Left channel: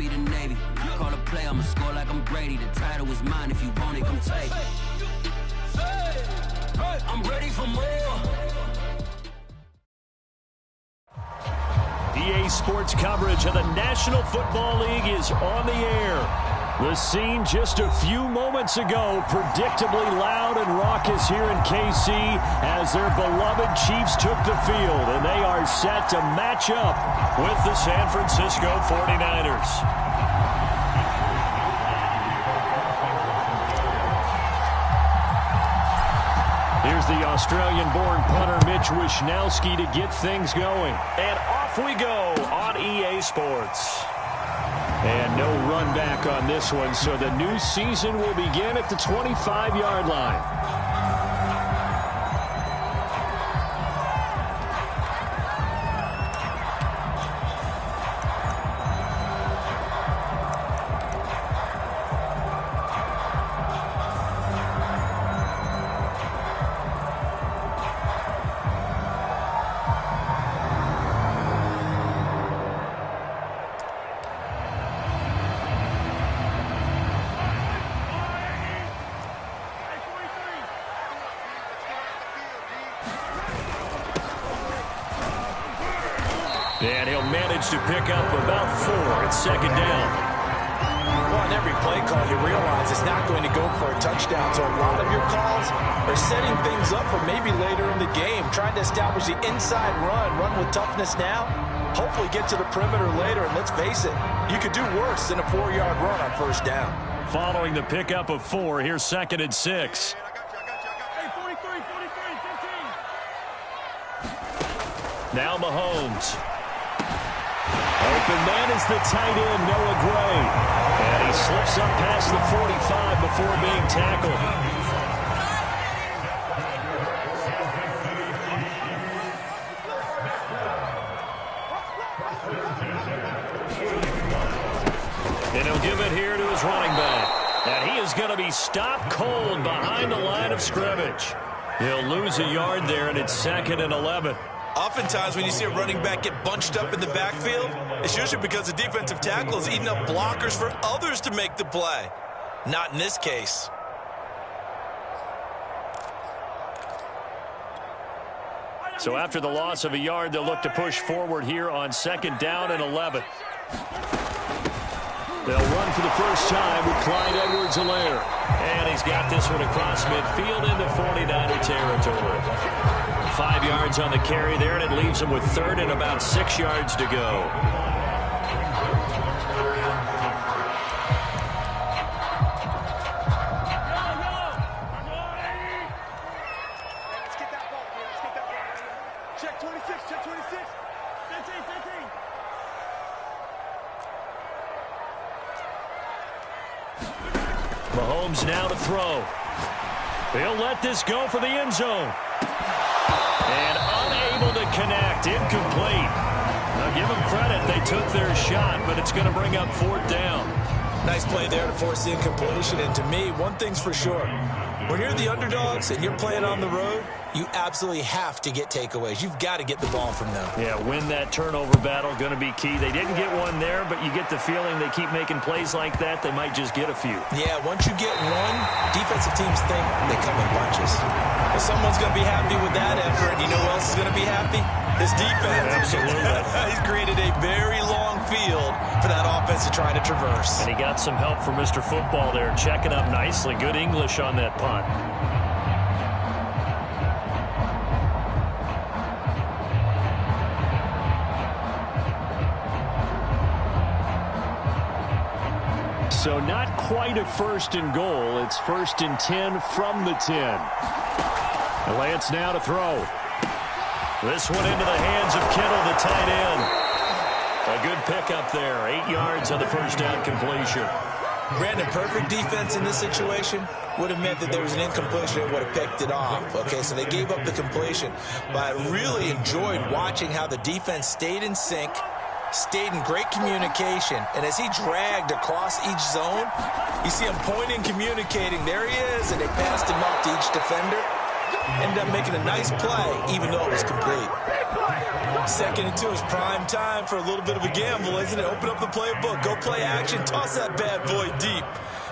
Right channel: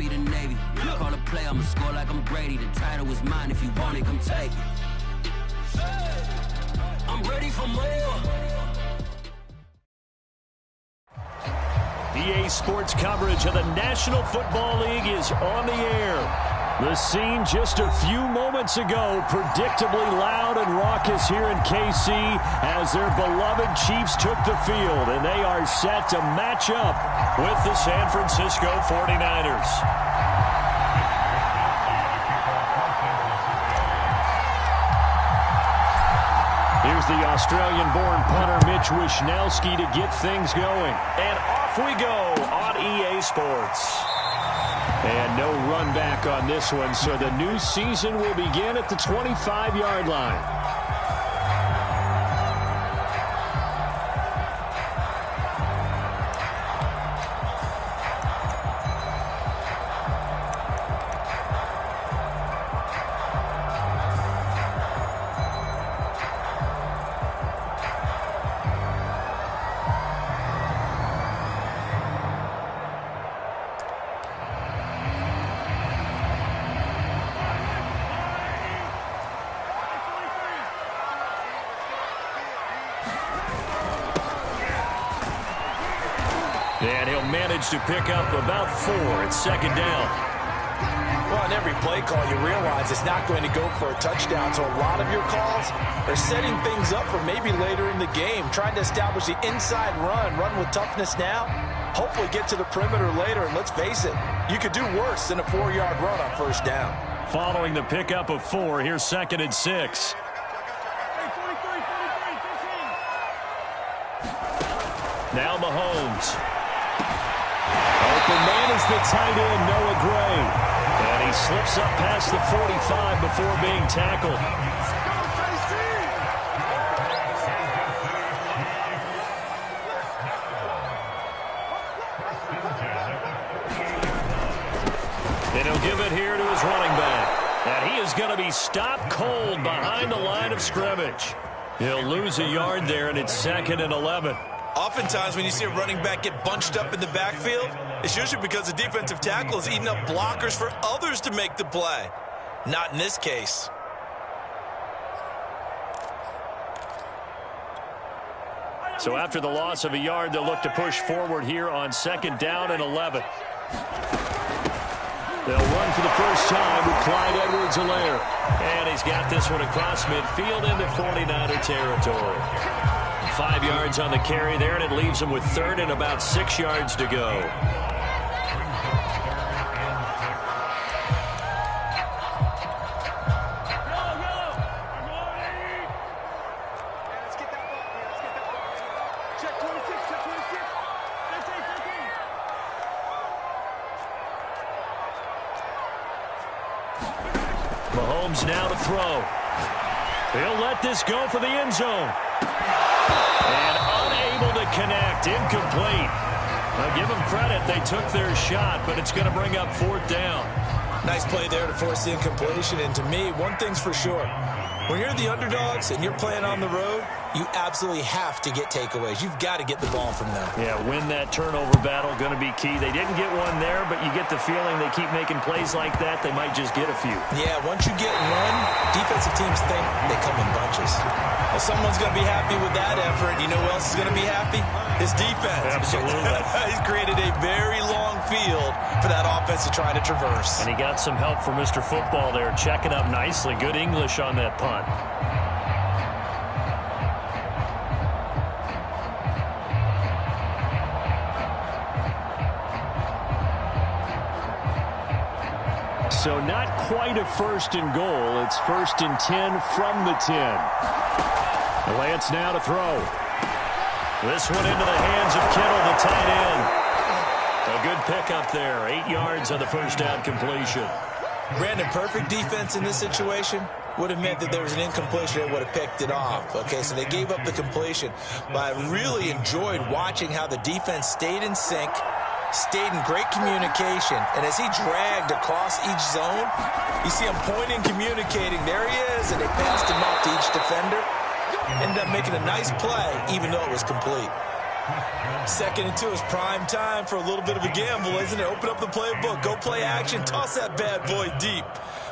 Army to Navy. When I call a play, I'ma score like I'm Brady. The title is mine. If you want it, come take it. I'm ready for more. EA Sports coverage of the National Football League is on the air. The scene just a few moments ago, predictably loud and raucous here in KC as their beloved Chiefs took the field, and they are set to match up with the San Francisco 49ers. Here's the Australian-born punter Mitch Wishnowsky to get things going. And off we go on EA Sports. And no run back on this one, so the new season will begin at the 25-yard line. And he'll manage to pick up about 4. It's second down. Well, on every play call, you realize it's not going to go for a touchdown. So a lot of your calls are setting things up for maybe later in the game, trying to establish the inside run with toughness now, hopefully get to the perimeter later. And let's face it, you could do worse than a 4-yard run on first down. Following the pickup of 4, here's second and 6. Now Mahomes. Open man is the tight end, Noah Gray. And he slips up past the 45 before being tackled. And he'll give it here to his running back. And he is going to be stopped cold behind the line of scrimmage. He'll lose a yard there, and it's second and 11. Oftentimes when you see a running back get bunched up in the backfield, it's usually because the defensive tackle is eating up blockers for others to make the play. Not in this case. So after the loss of a yard, they'll look to push forward here on second down and 11. They'll run for the first time with Clyde Edwards-Helaire. And he's got this one across midfield into 49er territory. 5 yards on the carry there, and it leaves him with third and about 6 yards to go. Let's get that ball. Let's get that ball. Check 26. Check 26. 15. Mahomes now to throw. He'll let this go for the end zone. And unable to connect, incomplete. Now give them credit, they took their shot, but it's going to bring up fourth down. Nice play there to force the incompletion, and to me, one thing's for sure. When you're the underdogs and you're playing on the road, you absolutely have to get takeaways. You've got to get the ball from them. Yeah, win that turnover battle, going to be key. They didn't get one there, but you get the feeling they keep making plays like that, they might just get a few. Yeah, once you get one, defensive teams think they come in bunches. Well, someone's going to be happy with that effort. You know who else is going to be happy? His defense. Absolutely. He's created a very long field for that offense to try to traverse. And he got some help from Mr. Football there, checking up nicely. Good English on that punt. So not quite a first and goal. It's first and 10 from the 10. Lance now to throw. This one into the hands of Kittle, the tight end. A good pickup there. 8 yards on the first down completion. Brandon, perfect defense in this situation would have meant that there was an incompletion that would have picked it off. Okay, so they gave up the completion. But I really enjoyed watching how the defense stayed in sync, stayed in great communication, and as he dragged across each zone, you see him pointing, communicating. There he is, and they passed him off to each defender. Ended up making a nice play, even though it was complete. 2nd and 2 is prime time for a little bit of a gamble, isn't it? Open up the playbook, go play action, toss that bad boy deep.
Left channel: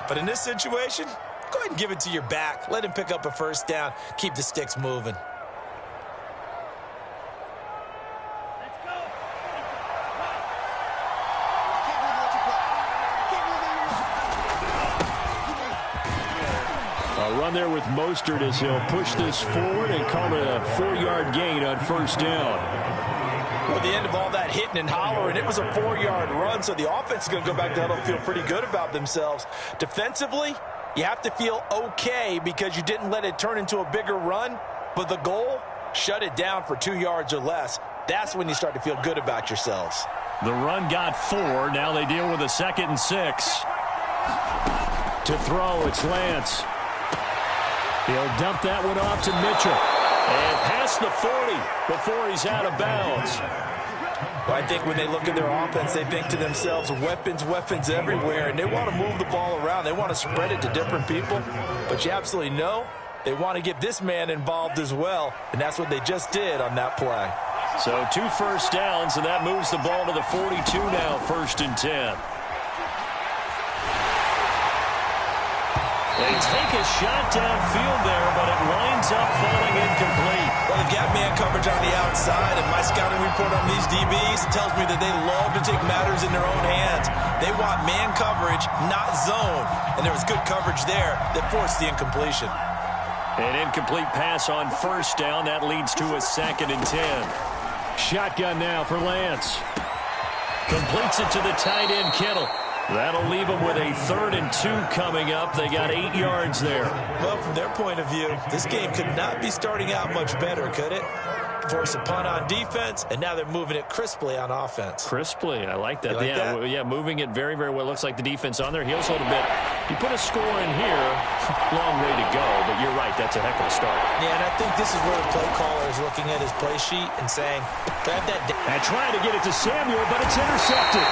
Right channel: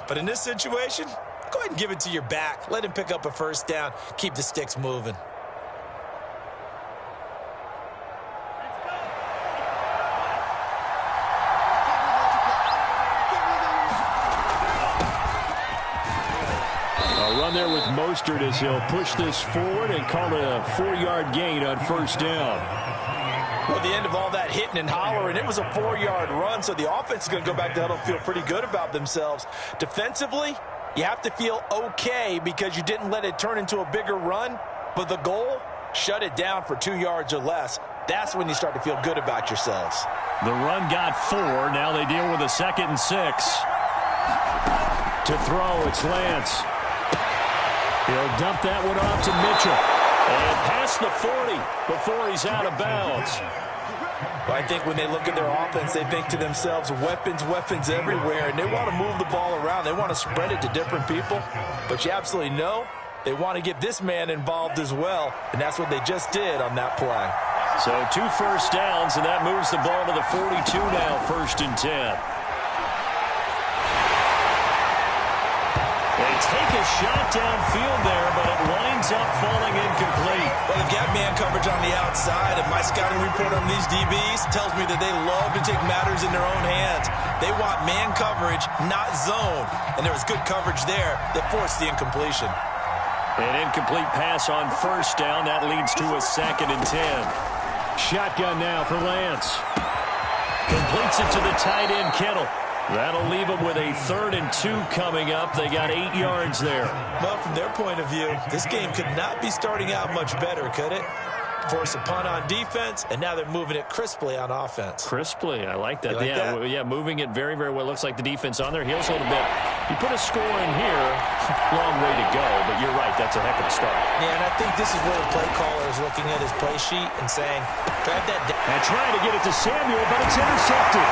But in this situation, go ahead and give it to your back. Let him pick up a first down. Keep the sticks moving. A run there with Mostert as he'll push this forward and call it a 4-yard gain on first down. Well, at the end of all that hitting and hollering, it was a 4-yard run, so the offense is going to go back to huddle and feel pretty good about themselves. Defensively, you have to feel okay because you didn't let it turn into a bigger run, but the goal, shut it down for 2 yards or less. That's when you start to feel good about yourselves. The run got 4. Now they deal with a 2nd and 6. To throw, it's Lance. He'll dump that one off to Mitchell. And past the 40 before he's out of bounds. Well, I think when they look at their offense, they think to themselves, weapons, weapons everywhere, and they want to move the ball around. They want to spread it to different people. But you absolutely know they want to get this man involved as well, and that's what they just did on that play. So 2 first downs, and that moves the ball to the 42 now, 1st and 10. They take a shot downfield there, but it winds up falling incomplete. Well, they've got man coverage on the outside, and my scouting report on these DBs tells me that they love to take matters in their own hands. They want man coverage, not zone, and there was good coverage there that forced the incompletion. An incomplete pass on first down. That leads to a 2nd and 10. Shotgun now for Lance. Completes it to the tight end, Kittle. That'll leave them with a 3rd and 2 coming up. They got 8 yards there. Well, from their point of view, this game could not be starting out much better, could it? Force a punt on defense, and now they're moving it crisply on offense. Crisply, I like that. Like that? Yeah, moving it very, very well. Looks like the defense on their heels a little bit. You put a score in here, long way to go, but you're right, that's a heck of a start. Yeah, and I think this is where the play caller is looking at his play sheet and saying, drive that down. And trying to get it to Samuel, but it's intercepted.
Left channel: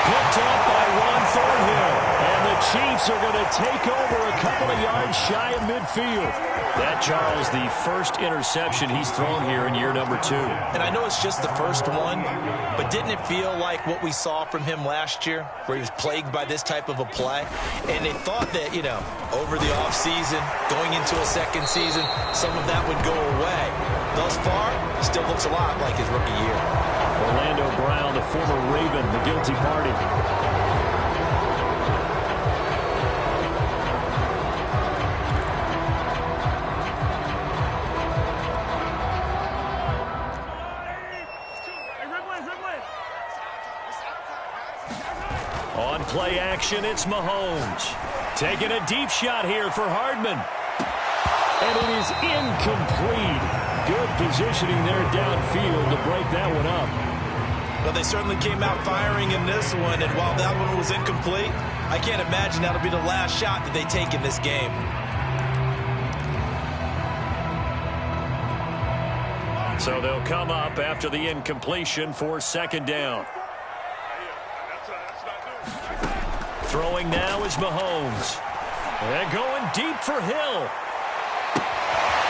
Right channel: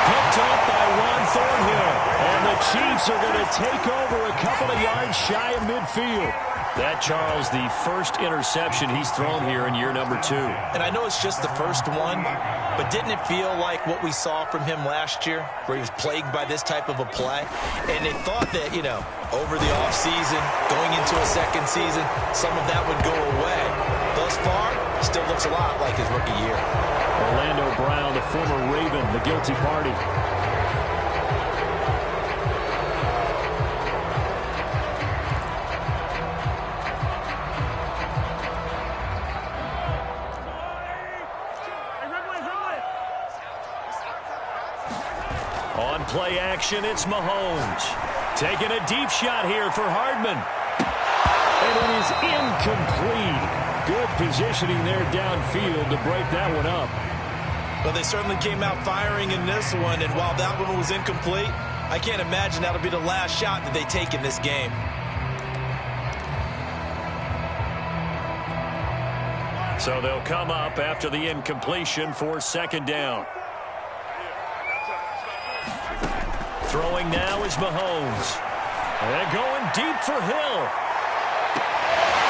Picked up by Juan Thornhill. And the Chiefs are going to take over a couple of yards shy of midfield. That, Charles, the first interception he's thrown here in year number 2. And I know it's just the first one, but didn't it feel like what we saw from him last year, where he was plagued by this type of a play? And they thought that, you know, over the offseason, going into a second season, some of that would go away. Thus far, still looks a lot like his rookie year. Orlando Brown, the former Raven, the guilty party. On play action, it's Mahomes. Taking a deep shot here for Hardman. And it is incomplete. Good positioning there downfield to break that one up. Well, they certainly came out firing in this one, and while that one was incomplete, I can't imagine that'll be the last shot that they take in this game. So they'll come up after the incompletion for 2nd down. Throwing now is Mahomes. And going deep for Hill.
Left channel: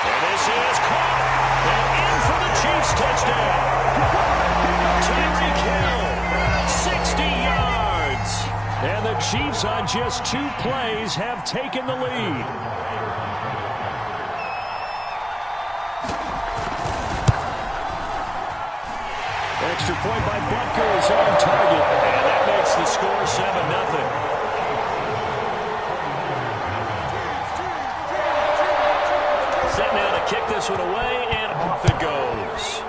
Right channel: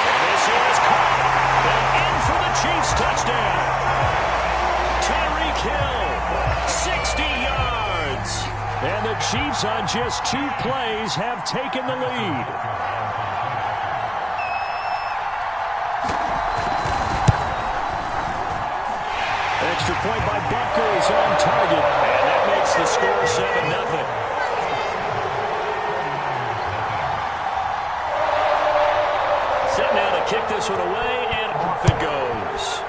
And this is caught. And in for the Chiefs touchdown. Tyreek Hill, 60 yards. And the Chiefs on just 2 plays have taken the lead. Extra point by Butker is on target. And that makes the score 7-0. Set now to kick this one away, and off it goes.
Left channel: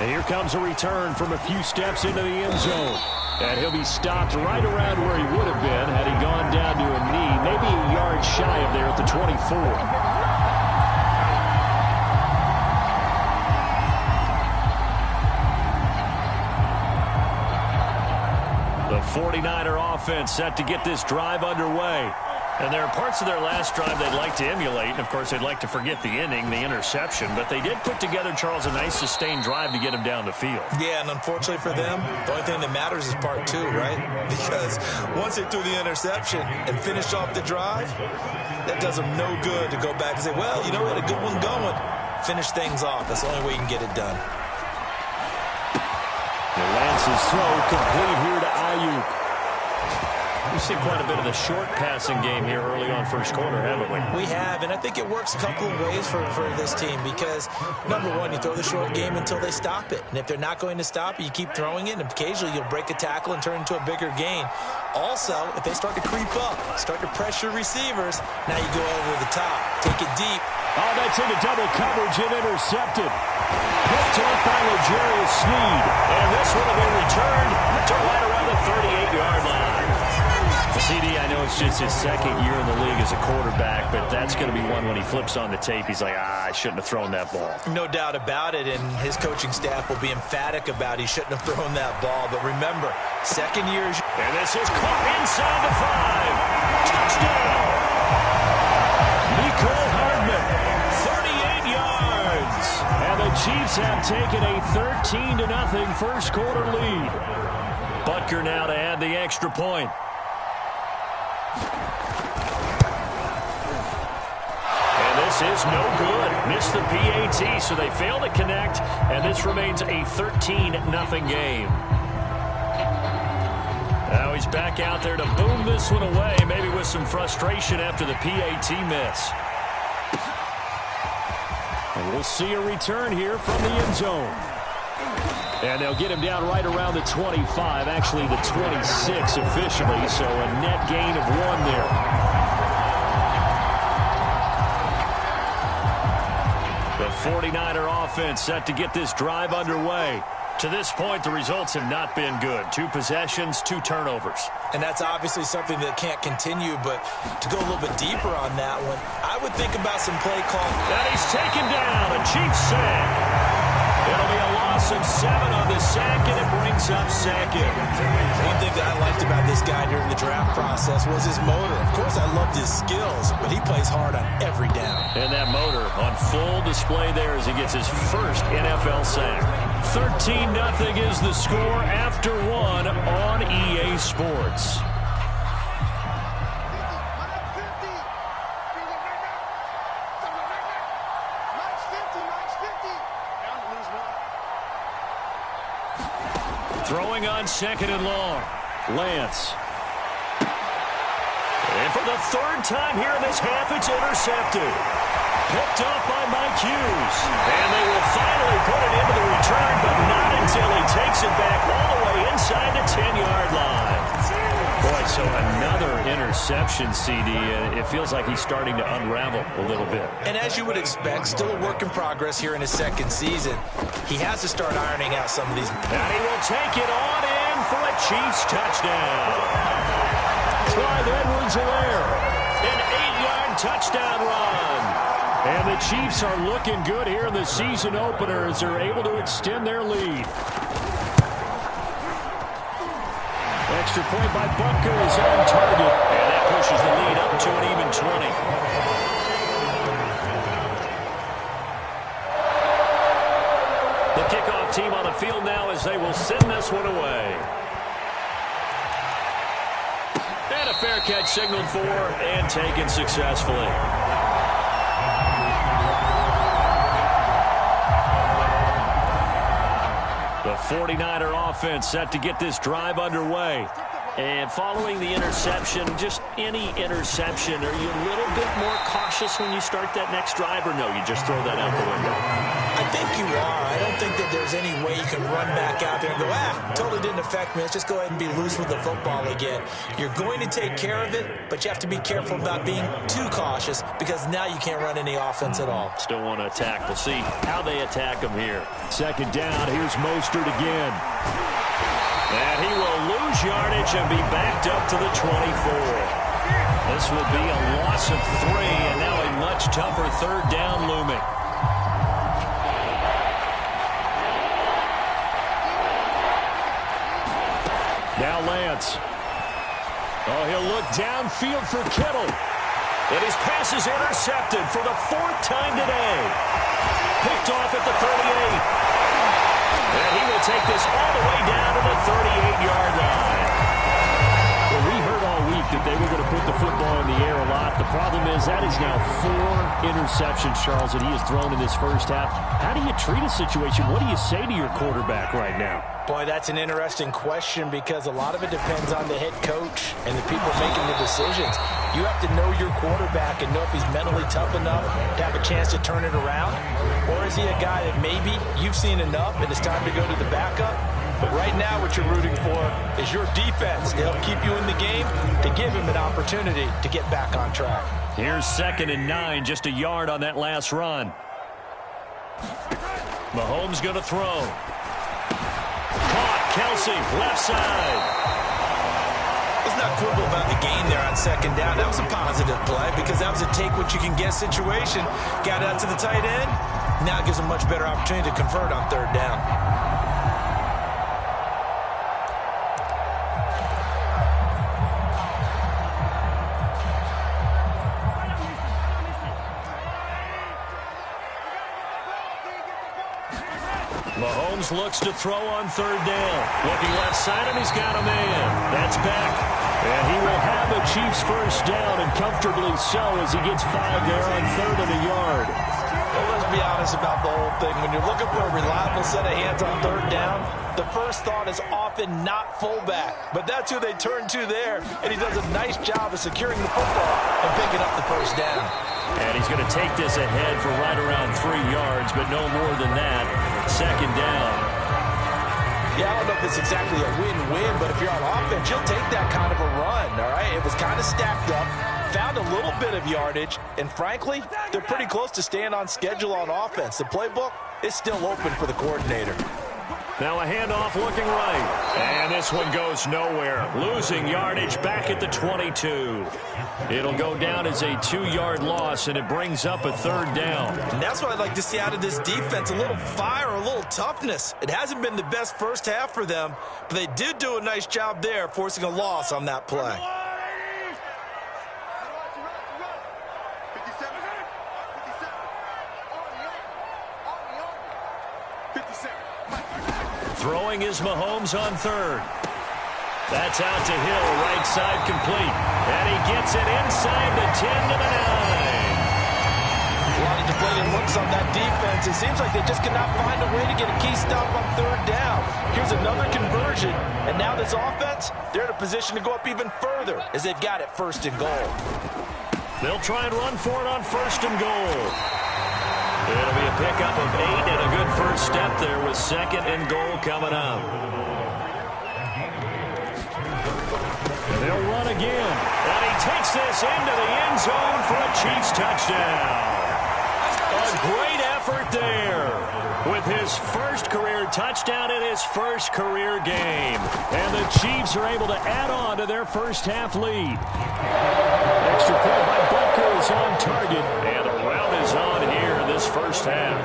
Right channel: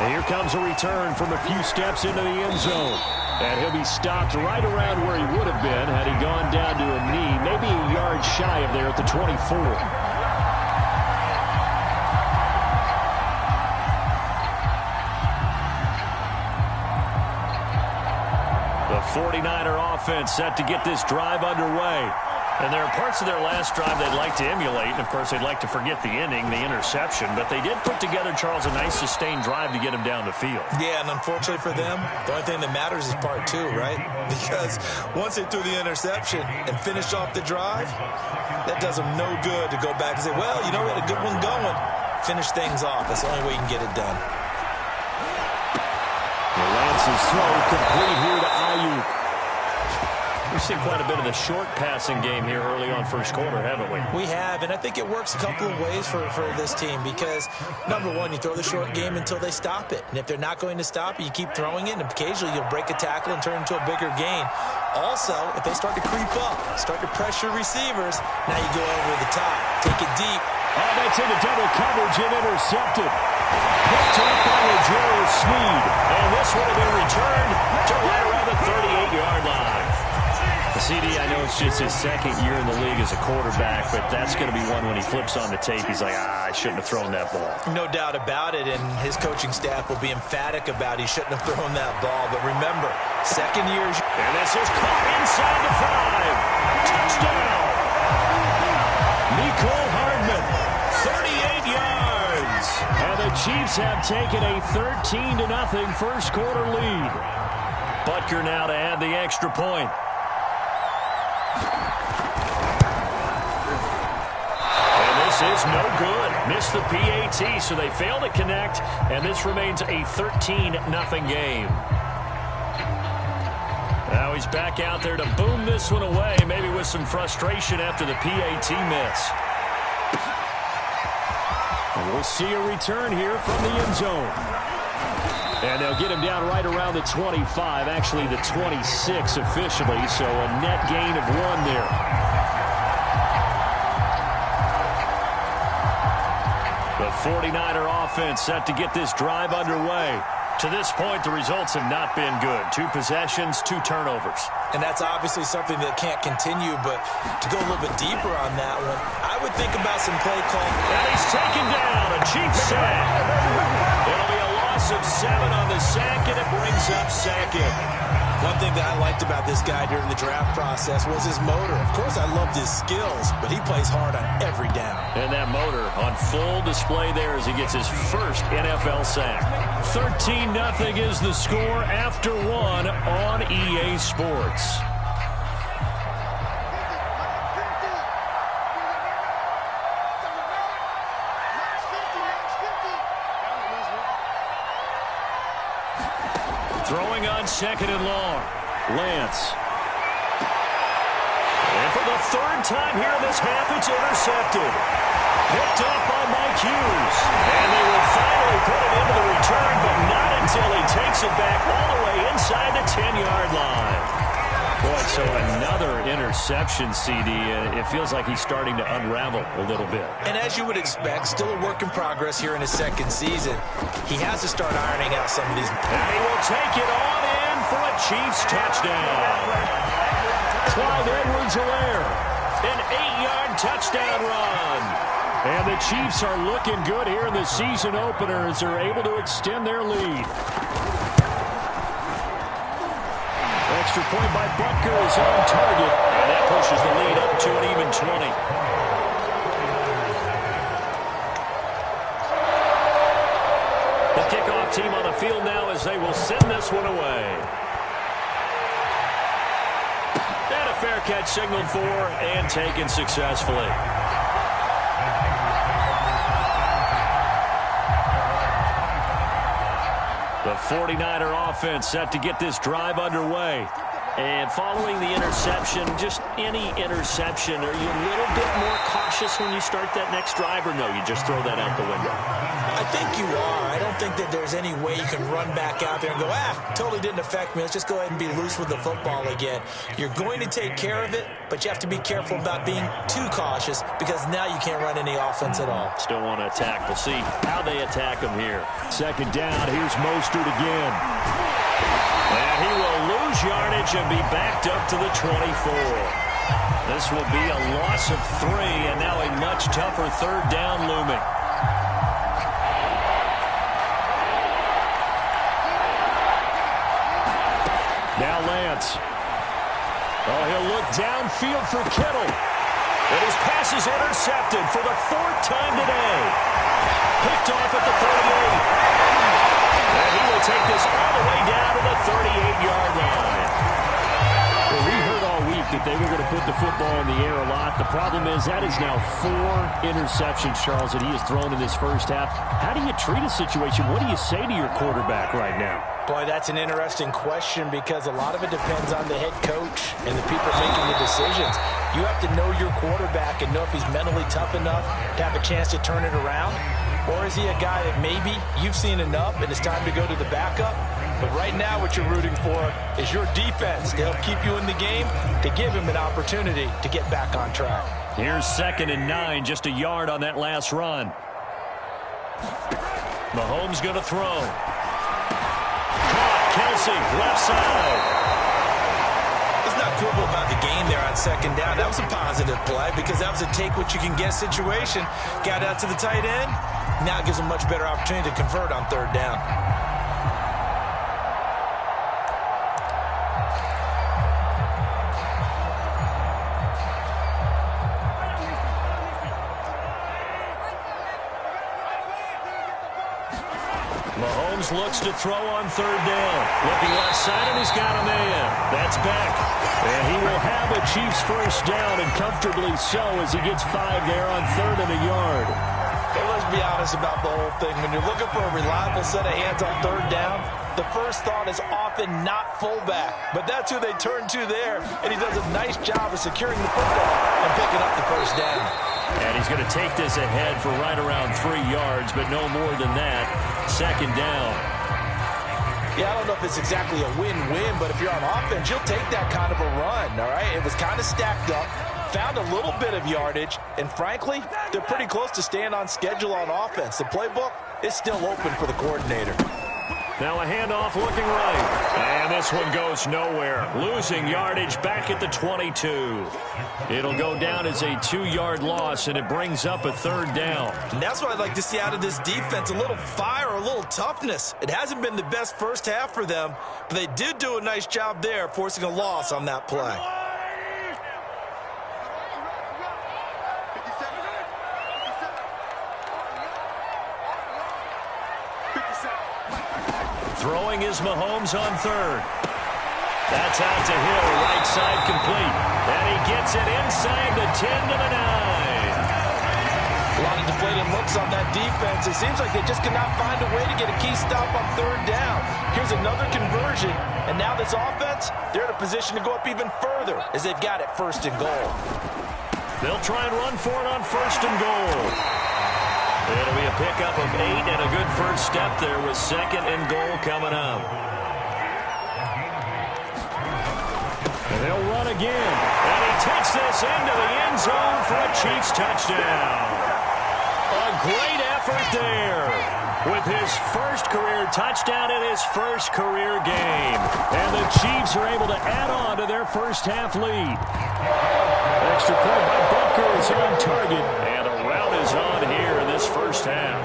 And here comes a return from a few steps into the end zone. And he'll be stopped right around where he would have been had he gone down to a knee, maybe a yard shy of there at the 24. The 49er offense set to get this drive underway. And there are parts of their last drive they'd like to emulate. And, of course, they'd like to forget the inning, the interception. But they did put together, Charles, a nice sustained drive to get him down the field. Yeah, and unfortunately for them, the only thing that matters is part two, right? Because once they threw the interception and finished off the drive, that does them no good to go back and say, well, you know, we had a good one going. Finish things off. That's the only way you can get it done. Lance's throw complete here to Ayuk. We've seen quite a bit of the short passing game here early on first quarter, haven't we? We have, and I think it works a couple of ways for this team because, number one, you throw the short game until they stop it. And if they're not going to stop it, you keep throwing it, and occasionally you'll break a tackle and turn into a bigger gain. Also, if they start to creep up, start to pressure receivers, now you go over the top. Take it deep. Oh, that's into double coverage and intercepted. Picked up by L'Jarius Sneed. And this one will be returned to right around the 38-yard line. CD, I know it's just his second year in the league as a quarterback, but that's going to be one when he flips on the tape. He's like, I shouldn't have thrown that ball. No doubt about it, and his coaching staff will be emphatic about he shouldn't have thrown that ball. But remember, second year. And this is caught inside the 5. Touchdown. Mecole Hardman, 38 yards. And the Chiefs have taken a 13-0 first quarter lead. Butker now to add the extra point. And this is no good. Missed the PAT, so they fail to connect, and this remains a 13-0 game. Now he's back out there to boom this one away, maybe with some frustration after the PAT miss. And we'll see a return here from the end zone. And they'll get him down right around the 25, actually the 26 officially, so a net gain of 1 there. The 49er offense set to get this drive underway. To this point, the results have not been good. 2 possessions, 2 turnovers. And that's obviously something that can't continue, but to go a little bit deeper on that one, I would think about some play call. And he's taken down, a Chiefs sack. It'll be a loss of 7 on the sack, and it brings up 2nd. One thing that I liked about this guy during the draft process was his motor. Of course, I loved his skills, but he plays hard on every down. And that motor on full display there as he gets his first NFL sack. 13-0 is the score after 1 on EA Sports. Throwing on 2nd and long. Lance. And for the 3rd time here in this half, it's intercepted. Picked off by Mike Hughes. And they will finally put it into the return, but not until he takes it back all the way inside the 10-yard line. Boy, so another interception, CD. It feels like he's starting to unravel a little bit. And as you would expect, still a work in progress here in his 2nd season. He has to start ironing out some of these. And he will take it on in for a Chiefs touchdown. Clyde Edwards-Helaire, an 8-yard touchdown run. And the Chiefs are looking good here in the season opener as they're able to extend their lead. Extra point by Butker is on target, and that pushes the lead up to an even 20. The kickoff team on the field now as they will send this one away. And a fair catch signaled for and taken successfully. The 49er offense set to get this drive underway. And following the interception, just any interception, are you a little bit more cautious when you start that next drive, or no, you just throw that out the window? I think you are. I don't think that there's any way you can run back out there and go, totally didn't affect me. Let's just go ahead and be loose with the football again. You're going to take care of it, but you have to be careful about being too cautious because now you can't run any offense at all. Still want to attack. We'll see how they attack him here. 2nd down. Here's Mostert again. And he will lose yardage and be backed up to the 24. This will be a loss of 3, and now a much tougher 3rd down looming. Now Lance. Oh, he'll look downfield for Kittle. And his pass is intercepted for the 4th time today. Picked off at the 38. And he will take this all the way down to the 38-yard line. Well, we heard all week that they were going to put the football in the air a lot. The problem is that is now 4 interceptions, Charles, that he has thrown in this first half. How do you treat a situation? What do you say to your quarterback right now? Boy, that's an interesting question because a lot of it depends on the head coach and the people making the decisions. You have to know your quarterback and know if he's mentally tough enough to have a chance to turn it around. Or is he a guy that maybe you've seen enough and it's time to go to the backup? But right now what you're rooting for is your defense to help keep you in the game, to give him an opportunity to get back on track. Here's 2nd and 9, just a yard on that last run. Mahomes going to throw. Caught, Kelsey, left side. Let's not quibble about the gain there on 2nd down. That was a positive play because that was a take-what-you-can-get situation. Got out to the tight end. Now it gives them much better opportunity to convert on 3rd down. Mahomes looks to throw on 3rd down. Looking left side, and he's got a man. That's Beck. And he will have a Chiefs 1st down, and comfortably so as he gets 5 there on 3rd and a yard. Well, let's be honest about the whole thing. When you're looking for a reliable set of hands on 3rd down, the first thought is often not fullback. But that's who they turn to there, and he does a nice job of securing the football and picking up the 1st down. And he's going to take this ahead for right around 3 yards, but no more than that. 2nd down. Yeah, I don't know if it's exactly a win-win, but if you're on offense, you'll take that kind of a run, all right? It was kind of stacked up, found a little bit of yardage, and frankly, they're pretty close to staying on schedule on offense. The playbook is still open for the coordinator. Now a handoff looking right. And this one goes nowhere. Losing yardage back at the 22. It'll go down as a 2-yard loss, and it brings up a 3rd down. And that's what I'd like to see out of this defense, a little fire, a little toughness. It hasn't been the best first half for them, but they did do a nice job there, forcing a loss on that play. Throwing is Mahomes on 3rd. That's out to Hill, right side complete. And he gets it inside the 10 to the 9. A lot of deflated looks on that defense. It seems like they just cannot find a way to get a key stop on 3rd down. Here's another conversion, and now this offense, they're in a position to go up even further as they've got it 1st and goal. They'll try and run for it on 1st and goal. It'll be a pickup of 8 and a good first step there with 2nd and goal coming up. And they'll run again. And he takes this into the end zone for a Chiefs touchdown. A great effort there with his 1st career touchdown in his 1st career game. And the Chiefs are able to add on to their 1st half lead. Extra point by Butker is on target, and the route is on here in this 1st half.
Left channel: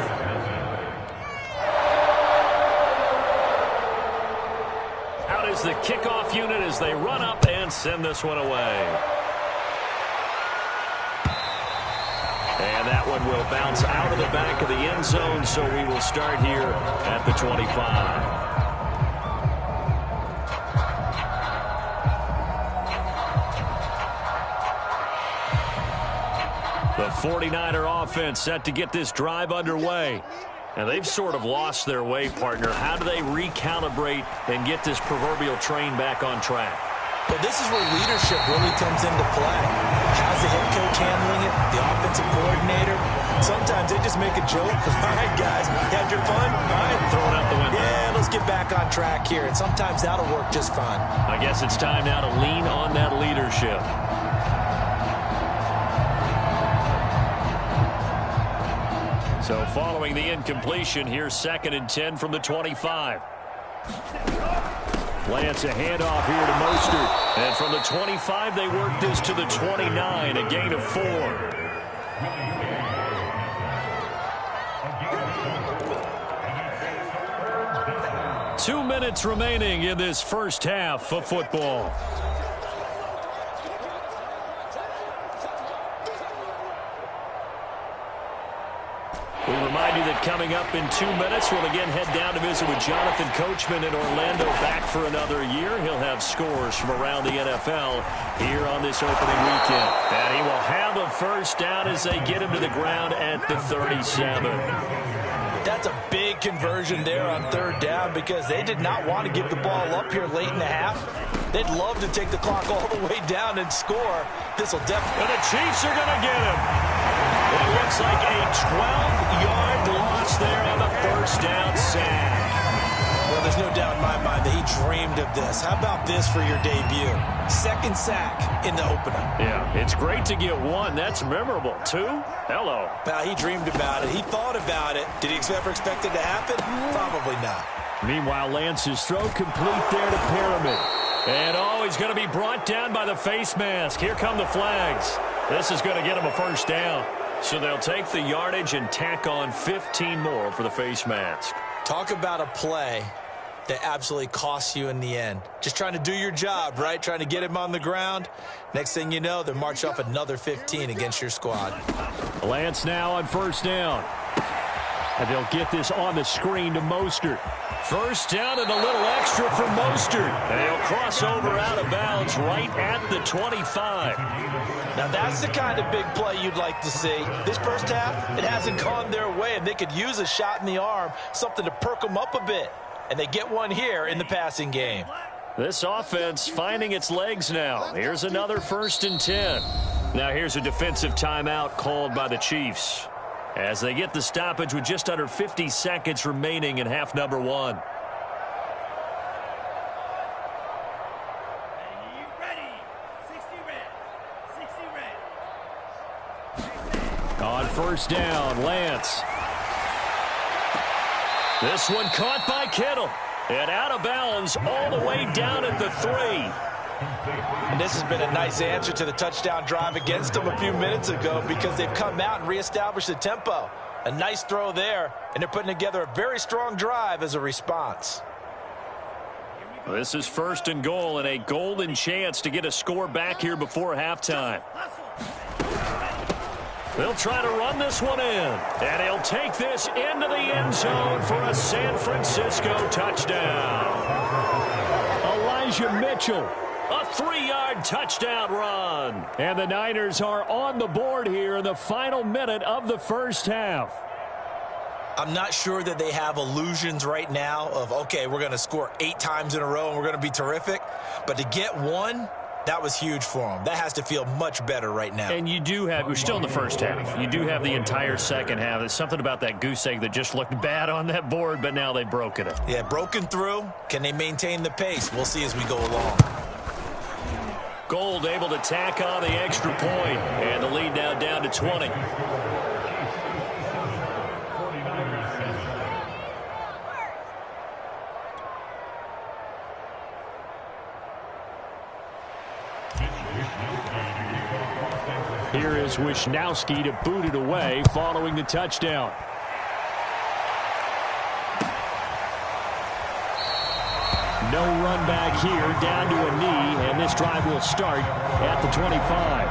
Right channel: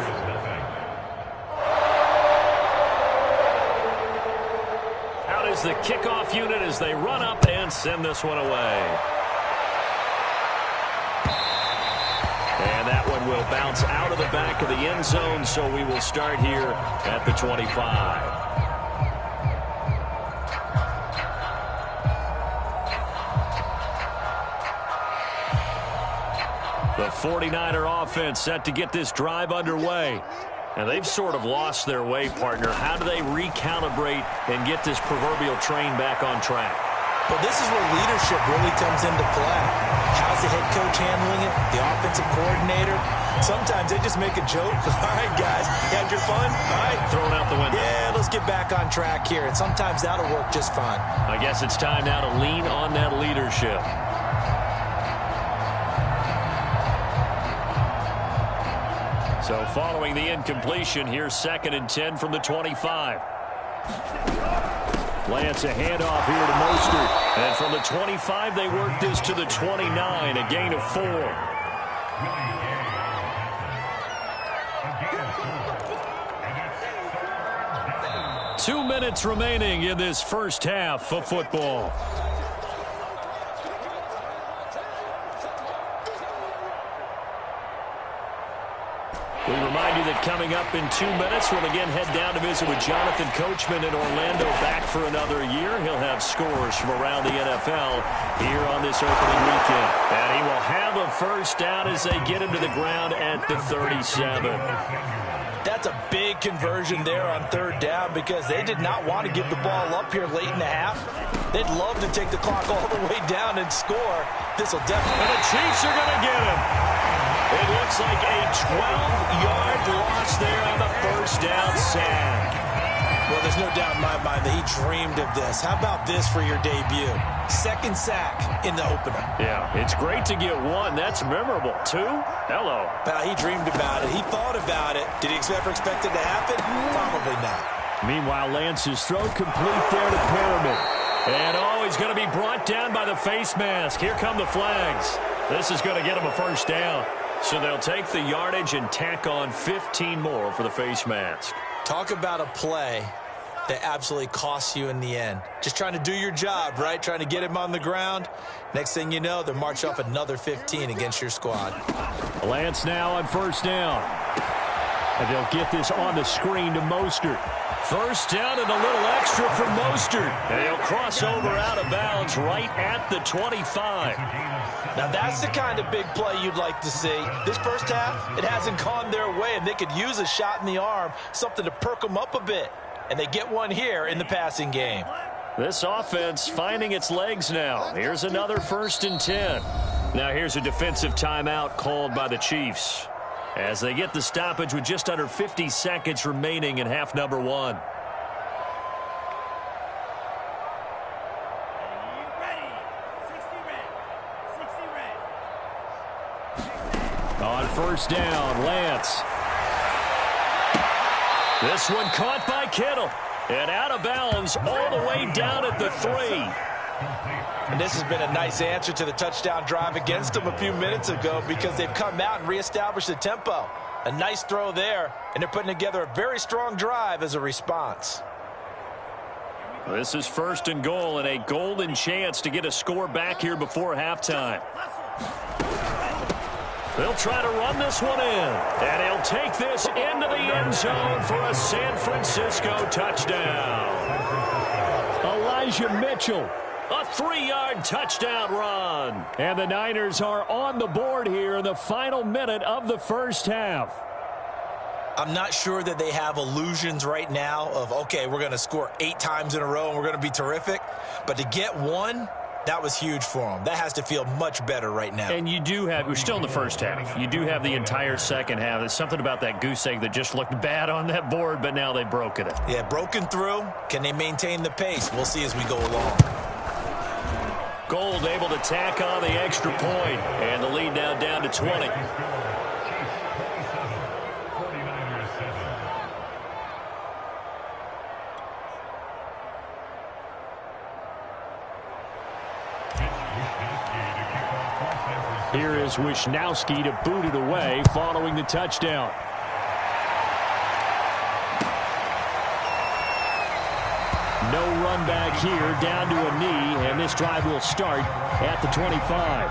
Out is the kickoff unit as they run up and send this one away. And that one will bounce out of the back of the end zone, so we will start here at the 25. The 49er offense set to get this drive underway. And they've sort of lost their way, partner. How do they recalibrate and get this proverbial train back on track? Well, this is where leadership really comes into play. How's the head coach handling it? The offensive coordinator? Sometimes they just make a joke. All right, guys, had your fun? All right. Throw it out the window. Yeah, let's get back on track here. And sometimes that'll work just fine. I guess it's time now to lean on that leadership. So following the incompletion, here's 2nd and 10 from the 25. Lance a handoff here to Mostert. And from the 25, they work this to the 29, a gain of 4. 2 minutes remaining in this 1st half of football. We remind you that coming up in 2 minutes, we'll again head down to visit with Jonathan Coachman in Orlando, back for another year. He'll have scores from around the NFL here on this opening weekend. And he will have a first down as they get him to the ground at the 37. That's a big conversion there on third down because they did not want to give the ball up here late in the half. They'd love to take the clock all the way down and score. This will definitely... And the Chiefs are going to get him. It looks like a 12-yard loss there on the first down sack. Well, there's no doubt in my mind that he dreamed of this. How about this for your debut? Second sack in the opener. Yeah, it's great to get one. That's memorable. Two? Hello. Well, he dreamed about it. He thought about it. Did he ever expect it to happen? Probably not. Meanwhile, Lance's throw complete there to Pyramid. And he's going to be brought down by the face mask. Here come the flags. This is going to get him a first down. So they'll take the yardage and tack on 15 more for the face mask. Talk about a play that absolutely costs you in the end. Just trying to do your job, right? Trying to get him on the ground. Next thing you know, they're marching off another 15 against your squad. Lance now on first down. And they'll get this on the screen to Mostert. First down and a little extra for Mostert. And he'll cross over out of bounds right at the 25. Now, that's the kind of big play you'd like to see. This first half, it hasn't gone their way, and they could use a shot in the arm, something to perk them up a bit. And they get one here in the passing game. This offense finding its legs now. Here's another 1st and 10. Now here's a defensive timeout called by the Chiefs as they get the stoppage with just under 50 seconds remaining in half number 1. On first down, Lance. This one caught by Kittle. And out of bounds all the way down at the 3. And this has been a nice answer to the touchdown drive against them a few minutes ago because they've come out and reestablished the tempo. A nice throw there, and they're putting together a very strong drive as a response. This is 1st and goal and a golden chance to get a score back here before halftime. They'll try to run this one in. And he'll take this into the end zone for a San Francisco touchdown. Elijah Mitchell, a 3-yard touchdown run. And the Niners are on the board here in the final minute of the first half. I'm not sure that they have illusions right now of, okay, we're going to score 8 times in a row and we're going to be terrific. But to get one, that was huge for them. That has to feel much better right now. And you do have, we're still in the first half. You do have the entire second half. There's something about that goose egg that just looked bad on that board, but now they've broken it. Yeah, broken through. Can they maintain the pace? We'll see as we go along. Gold able to tack on the extra point, and the lead now down to 20. Here is Wisnowski to boot it away following the touchdown. No run back here, down to a knee, and this drive will start at the 25.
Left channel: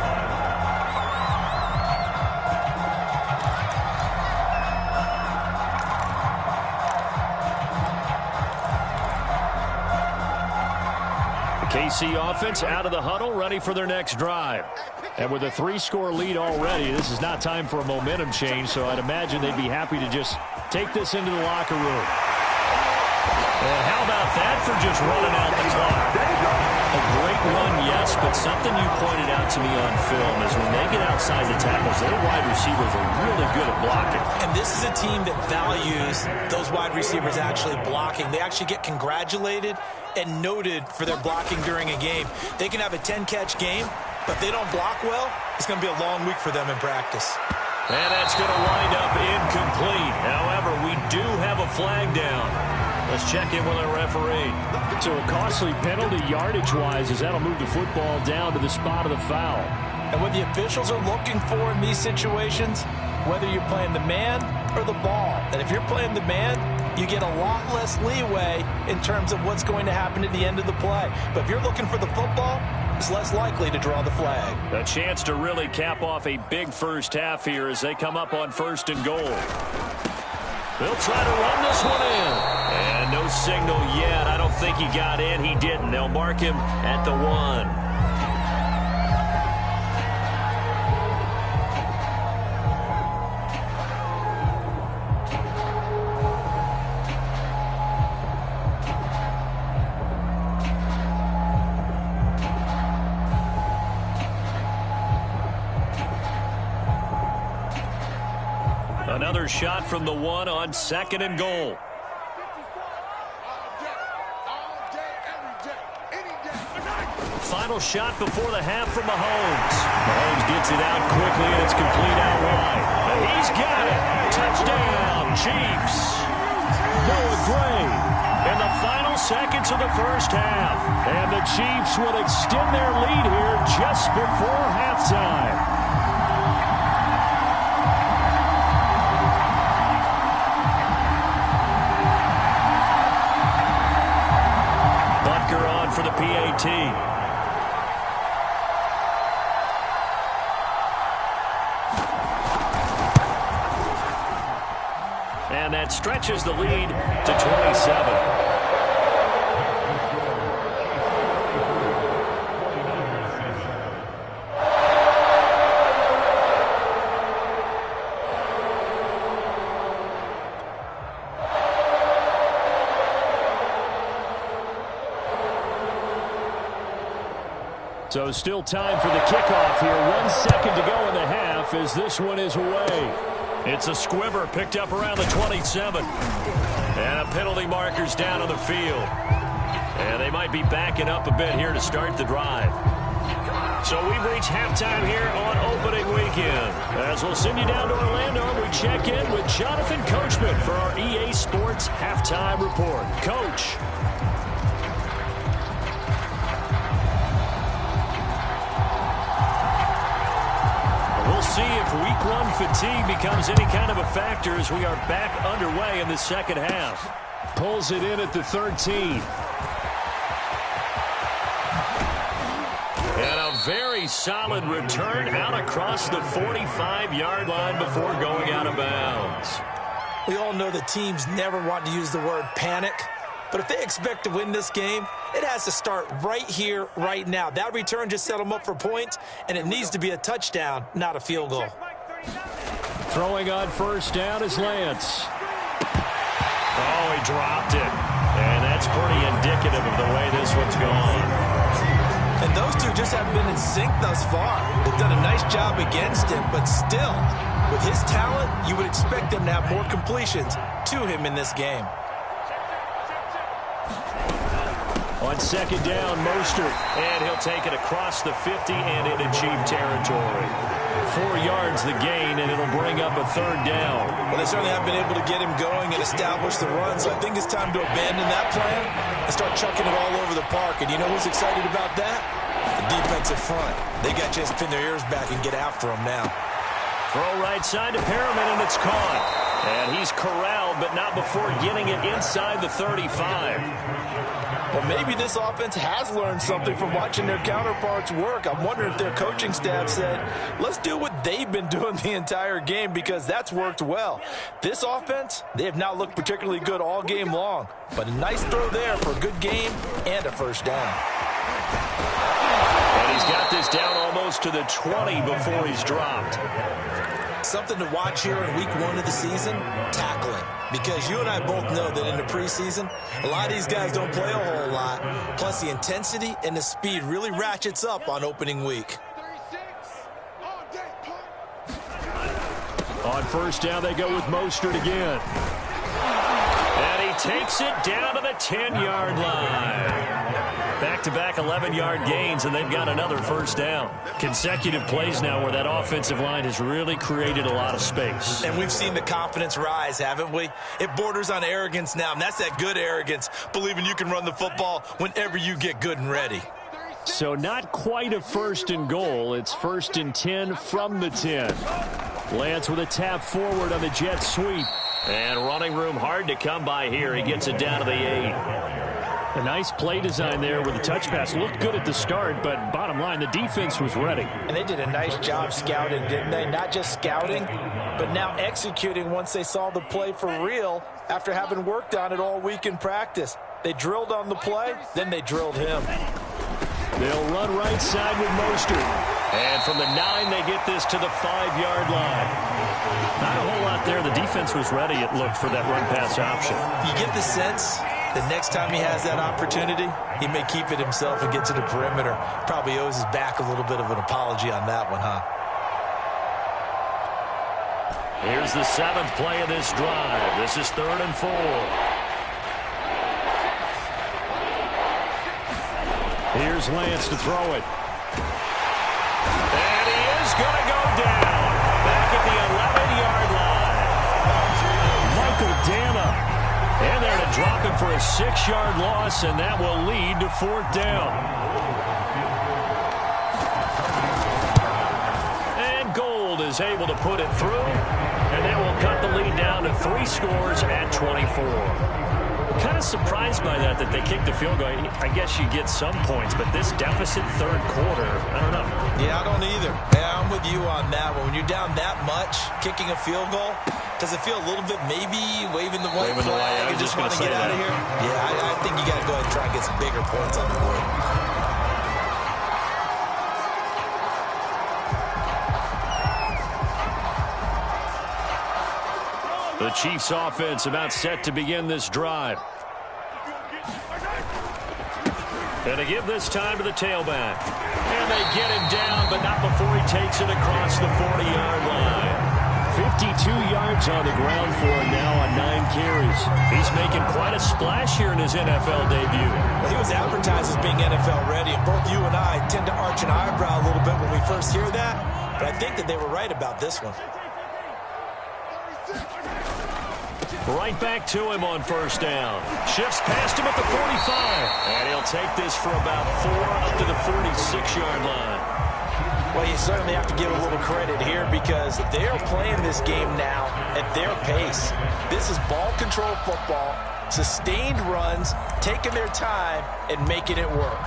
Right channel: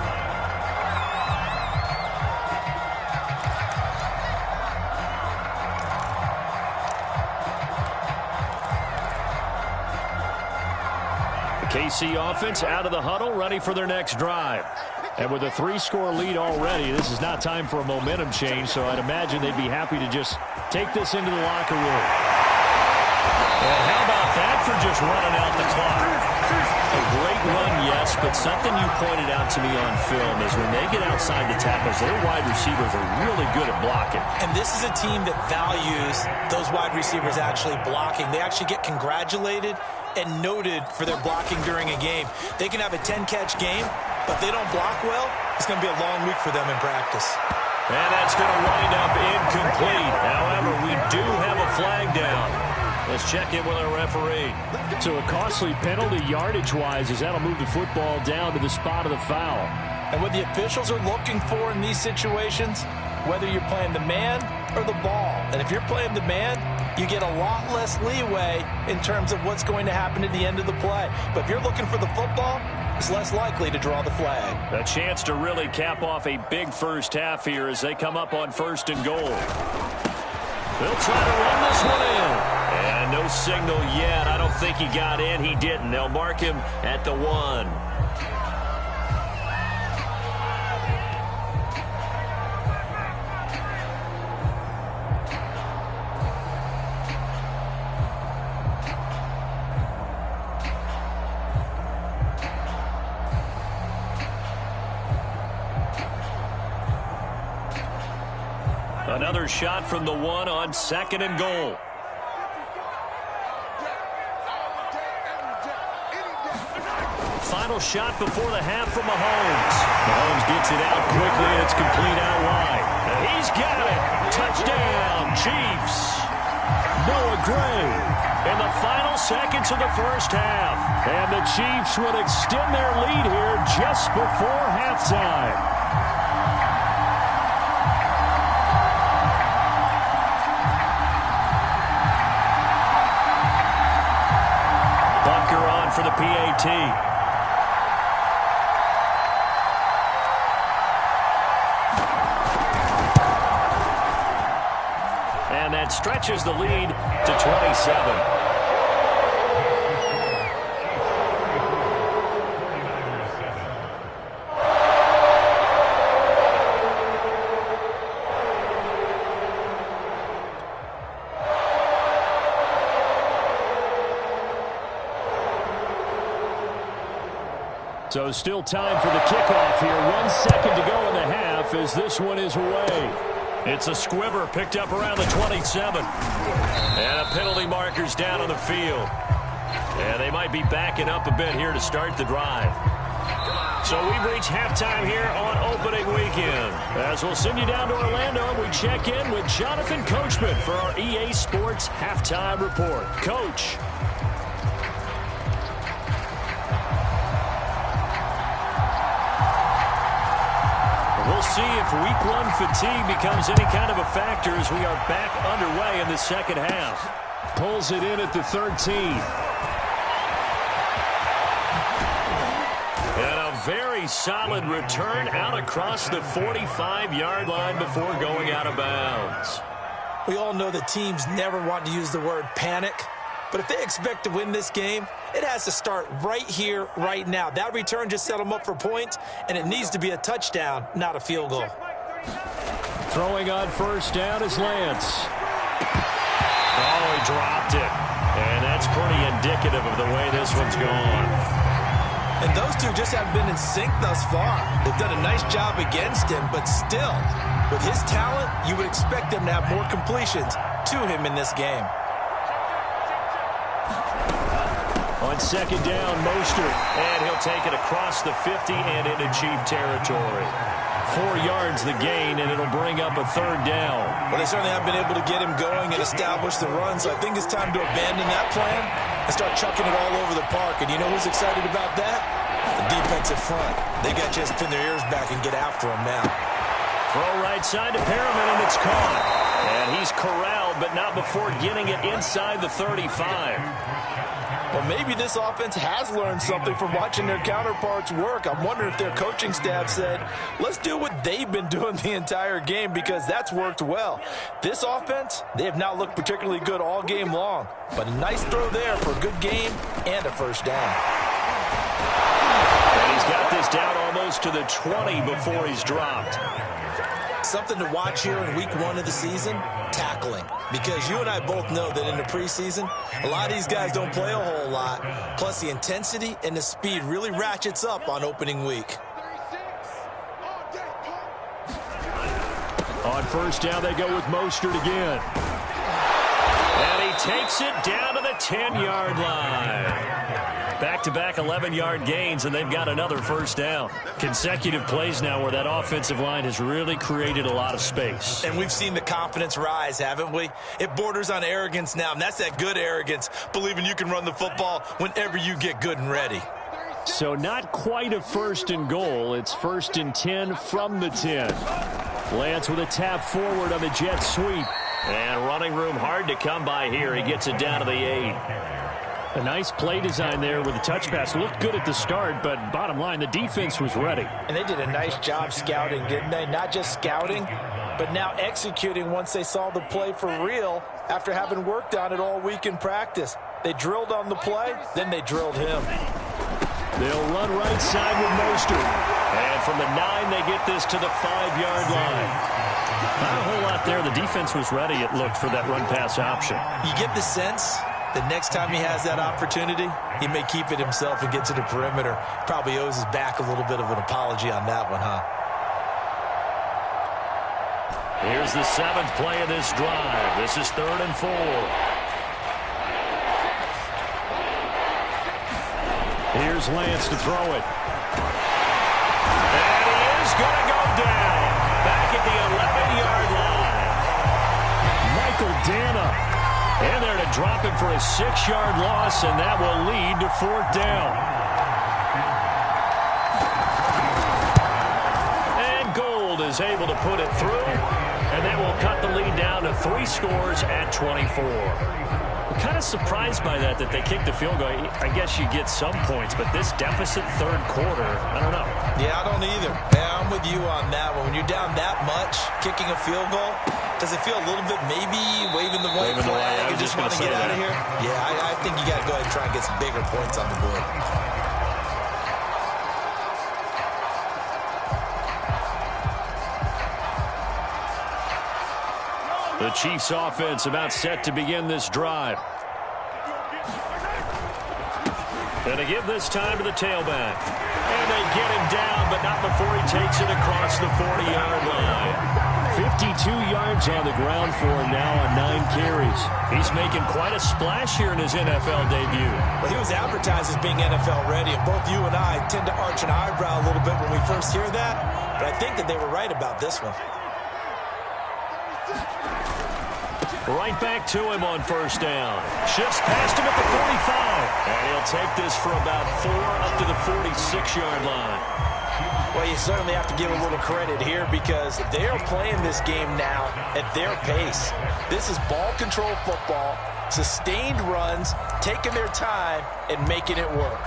KC offense out of the huddle, ready for their next drive. And with a 3-score lead already, this is not time for a momentum change, so I'd imagine they'd be happy to just take this into the locker room. And how about that for just running out the clock? A great run, yes, but something you pointed out to me on film is when they get outside the tackles, their wide receivers are really good at blocking. And this is a team that values those wide receivers actually blocking. They actually get congratulated and noted for their blocking during a game. They can have a 10-catch game, but if they don't block well, it's going to be a long week for them in practice. And that's going to wind up incomplete. However, we do have a flag down. Let's check in with our referee. So a costly penalty yardage-wise as that'll move the football down to the spot of the foul. And what the officials are looking for in these situations, whether you're playing the man or the ball. And if you're playing the man, you get a lot less leeway in terms of what's going to happen at the end of the play. But if you're looking for the football, it's less likely to draw the flag. A chance to really cap off a big first half here as they come up on 1st and goal. They'll try to run this one in. And no signal yet. I don't think he got in. He didn't. They'll mark him at the 1. Another shot from the 1 on 2nd and goal. Final shot before the half from Mahomes. Mahomes gets it out quickly, and it's complete out wide. He's got it. Touchdown, Chiefs. Noah Gray in the final seconds of the first half. And the Chiefs will extend their lead here just before halftime. Bunker on for the PAT. And that stretches the lead to 27. So still time for the kickoff here. 1 second to go in the half as this one is away. It's a squibber picked up around the 27. And a penalty marker's down on the field. And they might be backing up a bit here to start the drive. So we've reached halftime here on opening weekend. As we'll send you down to Orlando, and we check in with Jonathan Coachman for our EA Sports Halftime Report. Coach. We'll see if week 1 fatigue becomes any kind of a factor as we are back underway in the second half. Pulls it in at the 13. And a very solid return out across the 45-yard line before going out of bounds. We all know the teams never want to use the word panic. But if they expect to win this game, it has to start right here, right now. That return just set them up for points, and it needs to be a touchdown, not a field goal. Throwing on first down is Lance. Oh, he dropped it. And that's pretty indicative of the way this one's gone. And those two just haven't been in sync thus far. They've done a nice job against him, but still, with his talent, you would expect them to have more completions to him in this game. On second down, Mostert, and he'll take it across the 50 and into Chief territory. 4 yards the gain, and it'll bring up a third down. Well, they certainly have been able to get him going and establish the run, so I think it's time to abandon that plan and start chucking it all over the park. And you know who's excited about that? The defensive front. They got to just pin their ears back and get after him now. Throw right side to Perriman, and it's caught. And he's corralled, but not before getting it inside the 35. Well, maybe this offense has learned something from watching their counterparts work. I'm wondering if their coaching staff said, let's do what they've been doing the entire game, because that's worked well. This offense, they have not looked particularly good all game long. But a nice throw there for a good game and a first down. And he's got this down almost to the 20 before he's dropped. Something to watch here in week 1 of the season, tackling. Because you and I both know that in the preseason, a lot of these guys don't play a whole lot. Plus, the intensity and the speed really ratchets up on opening week. On first down, they go with Mostert again. And he takes it down to the 10-yard line. Back-to-back 11-yard gains, and they've got another first down. Consecutive plays now where that offensive line has really created a lot of space. And we've seen the confidence rise, haven't we? It borders on arrogance now, and that's that good arrogance, believing you can run the football whenever you get good and ready. So not quite a first and goal. It's 1st and 10 from the 10. Lance with a tap forward on the jet sweep. And running room hard to come by here. He gets it down to the 8. A nice play design there with the touch pass. Looked good at the start, but bottom line, the defense was ready. And they did a nice job scouting, didn't they? Not just scouting, but now executing once they saw the play for real after having worked on it all week in practice. They drilled on the play, then they drilled him. They'll run right side with Mostert. And from the 9, they get this to the 5-yard line. Not a whole lot there. The defense was ready, it looked, for that run-pass option. You get the sense the next time he has that opportunity, he may keep it himself and get to the perimeter. Probably owes his back a little bit of an apology on that one, huh? Here's the 7th play of this drive. This is 3rd and 4. Here's Lance to throw it. And he is going to go down. Back at the 11-yard line. Michael Dana. And they're to drop him for a 6-yard loss, and that will lead to 4th down. And Gold is able to put it through, and that will cut the lead down to 3 scores at 24. Kind of surprised by that they kicked the field goal. I guess you get some points, but this deficit 3rd quarter, I don't know. Yeah, I don't either. Yeah, I'm with you on that one. When you're down that much, kicking a field goal, does it feel a little bit maybe waving the white flag and just want to get out of here? Yeah, I think you got to go ahead and try and get some bigger points on the board. The Chiefs offense about set to begin this drive. And they give this time to the tailback. And they get him down, but not before he takes it across the 40-yard line. 52 yards on the ground for him now on 9 carries. He's making quite a splash here in his NFL debut. Well, he was advertised as being NFL ready, and both you and I tend to arch an eyebrow a little bit when we first hear that. But I think that they were right about this one. Right back to him on 1st down. Shifts past him at the 45. And he'll take this for about 4 up to the 46-yard line. Well, you certainly have to give a little credit here because they are playing this game now at their pace. This is ball control football, sustained runs, taking their time, and making it work.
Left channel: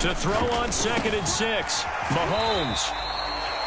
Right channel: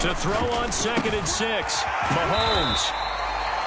To throw on 2nd and 6, Mahomes.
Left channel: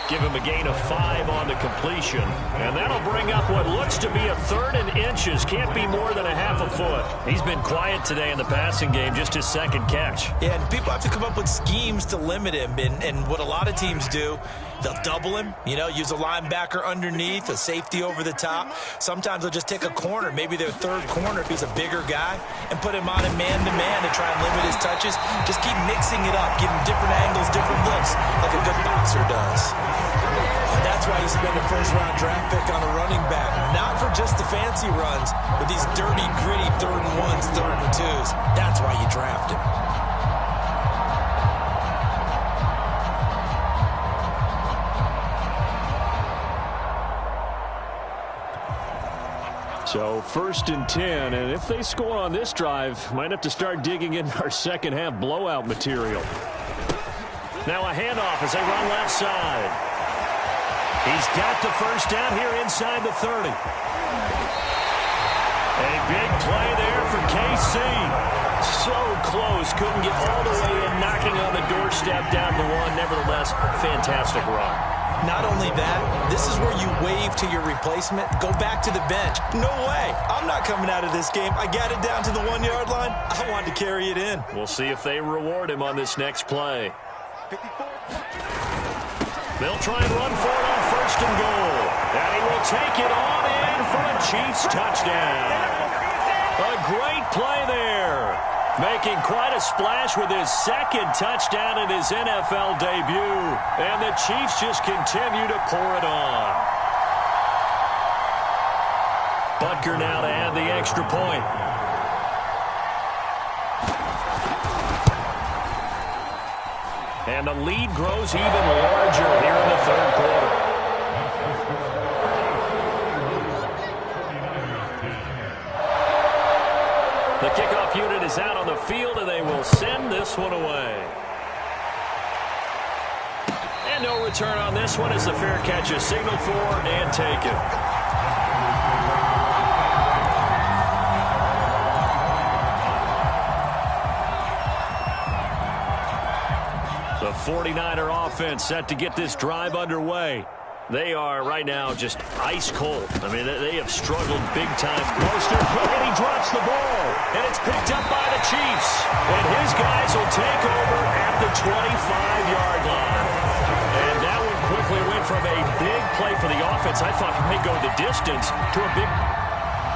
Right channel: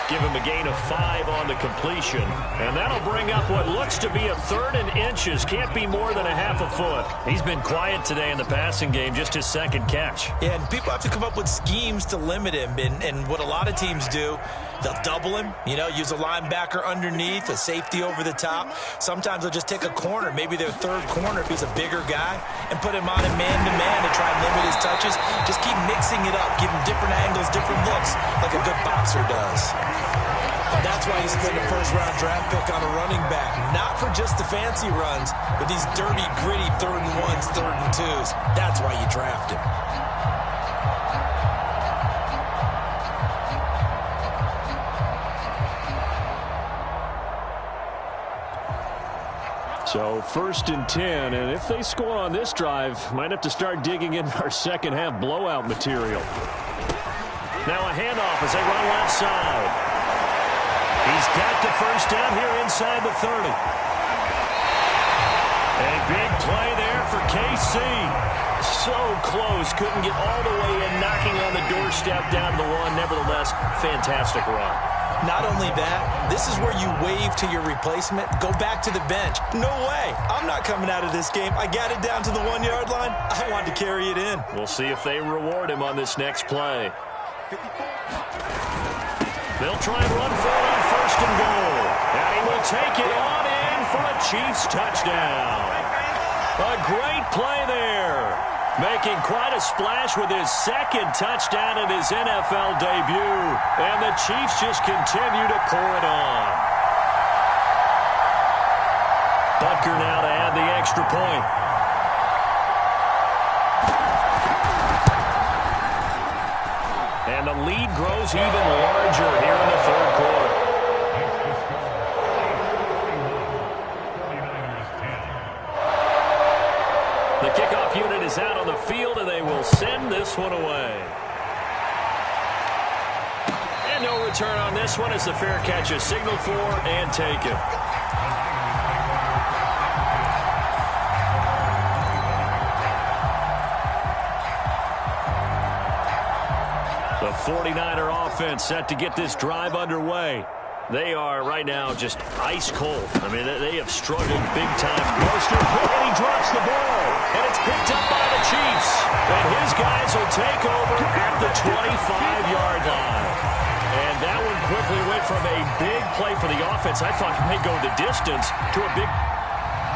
Give him a gain of 5 on the completion. And that'll bring up what looks to be a 3rd and inches. Can't be more than a half a foot. He's been quiet today in the passing game, just his 2nd catch. Yeah, and people have to come up with schemes to limit him. And what a lot of teams do, they'll double him, use a linebacker underneath, a safety over the top. Sometimes they'll just take a corner, maybe their 3rd corner if he's a bigger guy, and put him on a man-to-man to try and limit his touches. Just keep mixing it up, give him different angles, different looks, like a good boxer does. And that's why you spend a 1st-round draft pick on a running back. Not for just the fancy runs, but these dirty, gritty 3rd and 1s, 3rd and 2s. That's why you draft him. So 1st and 10, and if they score on this drive, might have to start digging in our second-half blowout material. Now a handoff as they run left side. He's got the 1st down here inside the 30. A big play there for KC. So close, couldn't get all the way in, knocking on the doorstep down the 1. Nevertheless, fantastic run. Not only that, this is where you wave to your replacement, go back to the bench. No way. I'm not coming out of this game. I got it down to the 1-yard line. I wanted to carry it in. We'll see if they reward him on this next play. 54. They'll try and run for it on 1st and goal. And he will take it on in for a Chiefs touchdown. A great play there. Making quite a splash with his 2nd touchdown in his NFL debut. And the Chiefs just continue to pour it on. Butker now to add the extra point. And the lead grows even larger here in the 3rd quarter. The kickoff unit is out on the field, and they will send this one away. And no return on this one as the fair catch is signaled for and taken. The 49er offense set to get this drive underway. They are right now just ice cold. I mean, they have struggled big time. Mostert, and he drops the ball. And it's picked up by the Chiefs. And his guys will take over at the 25-yard line. And that one quickly went from a big play for the offense. I thought it may go the distance to a big...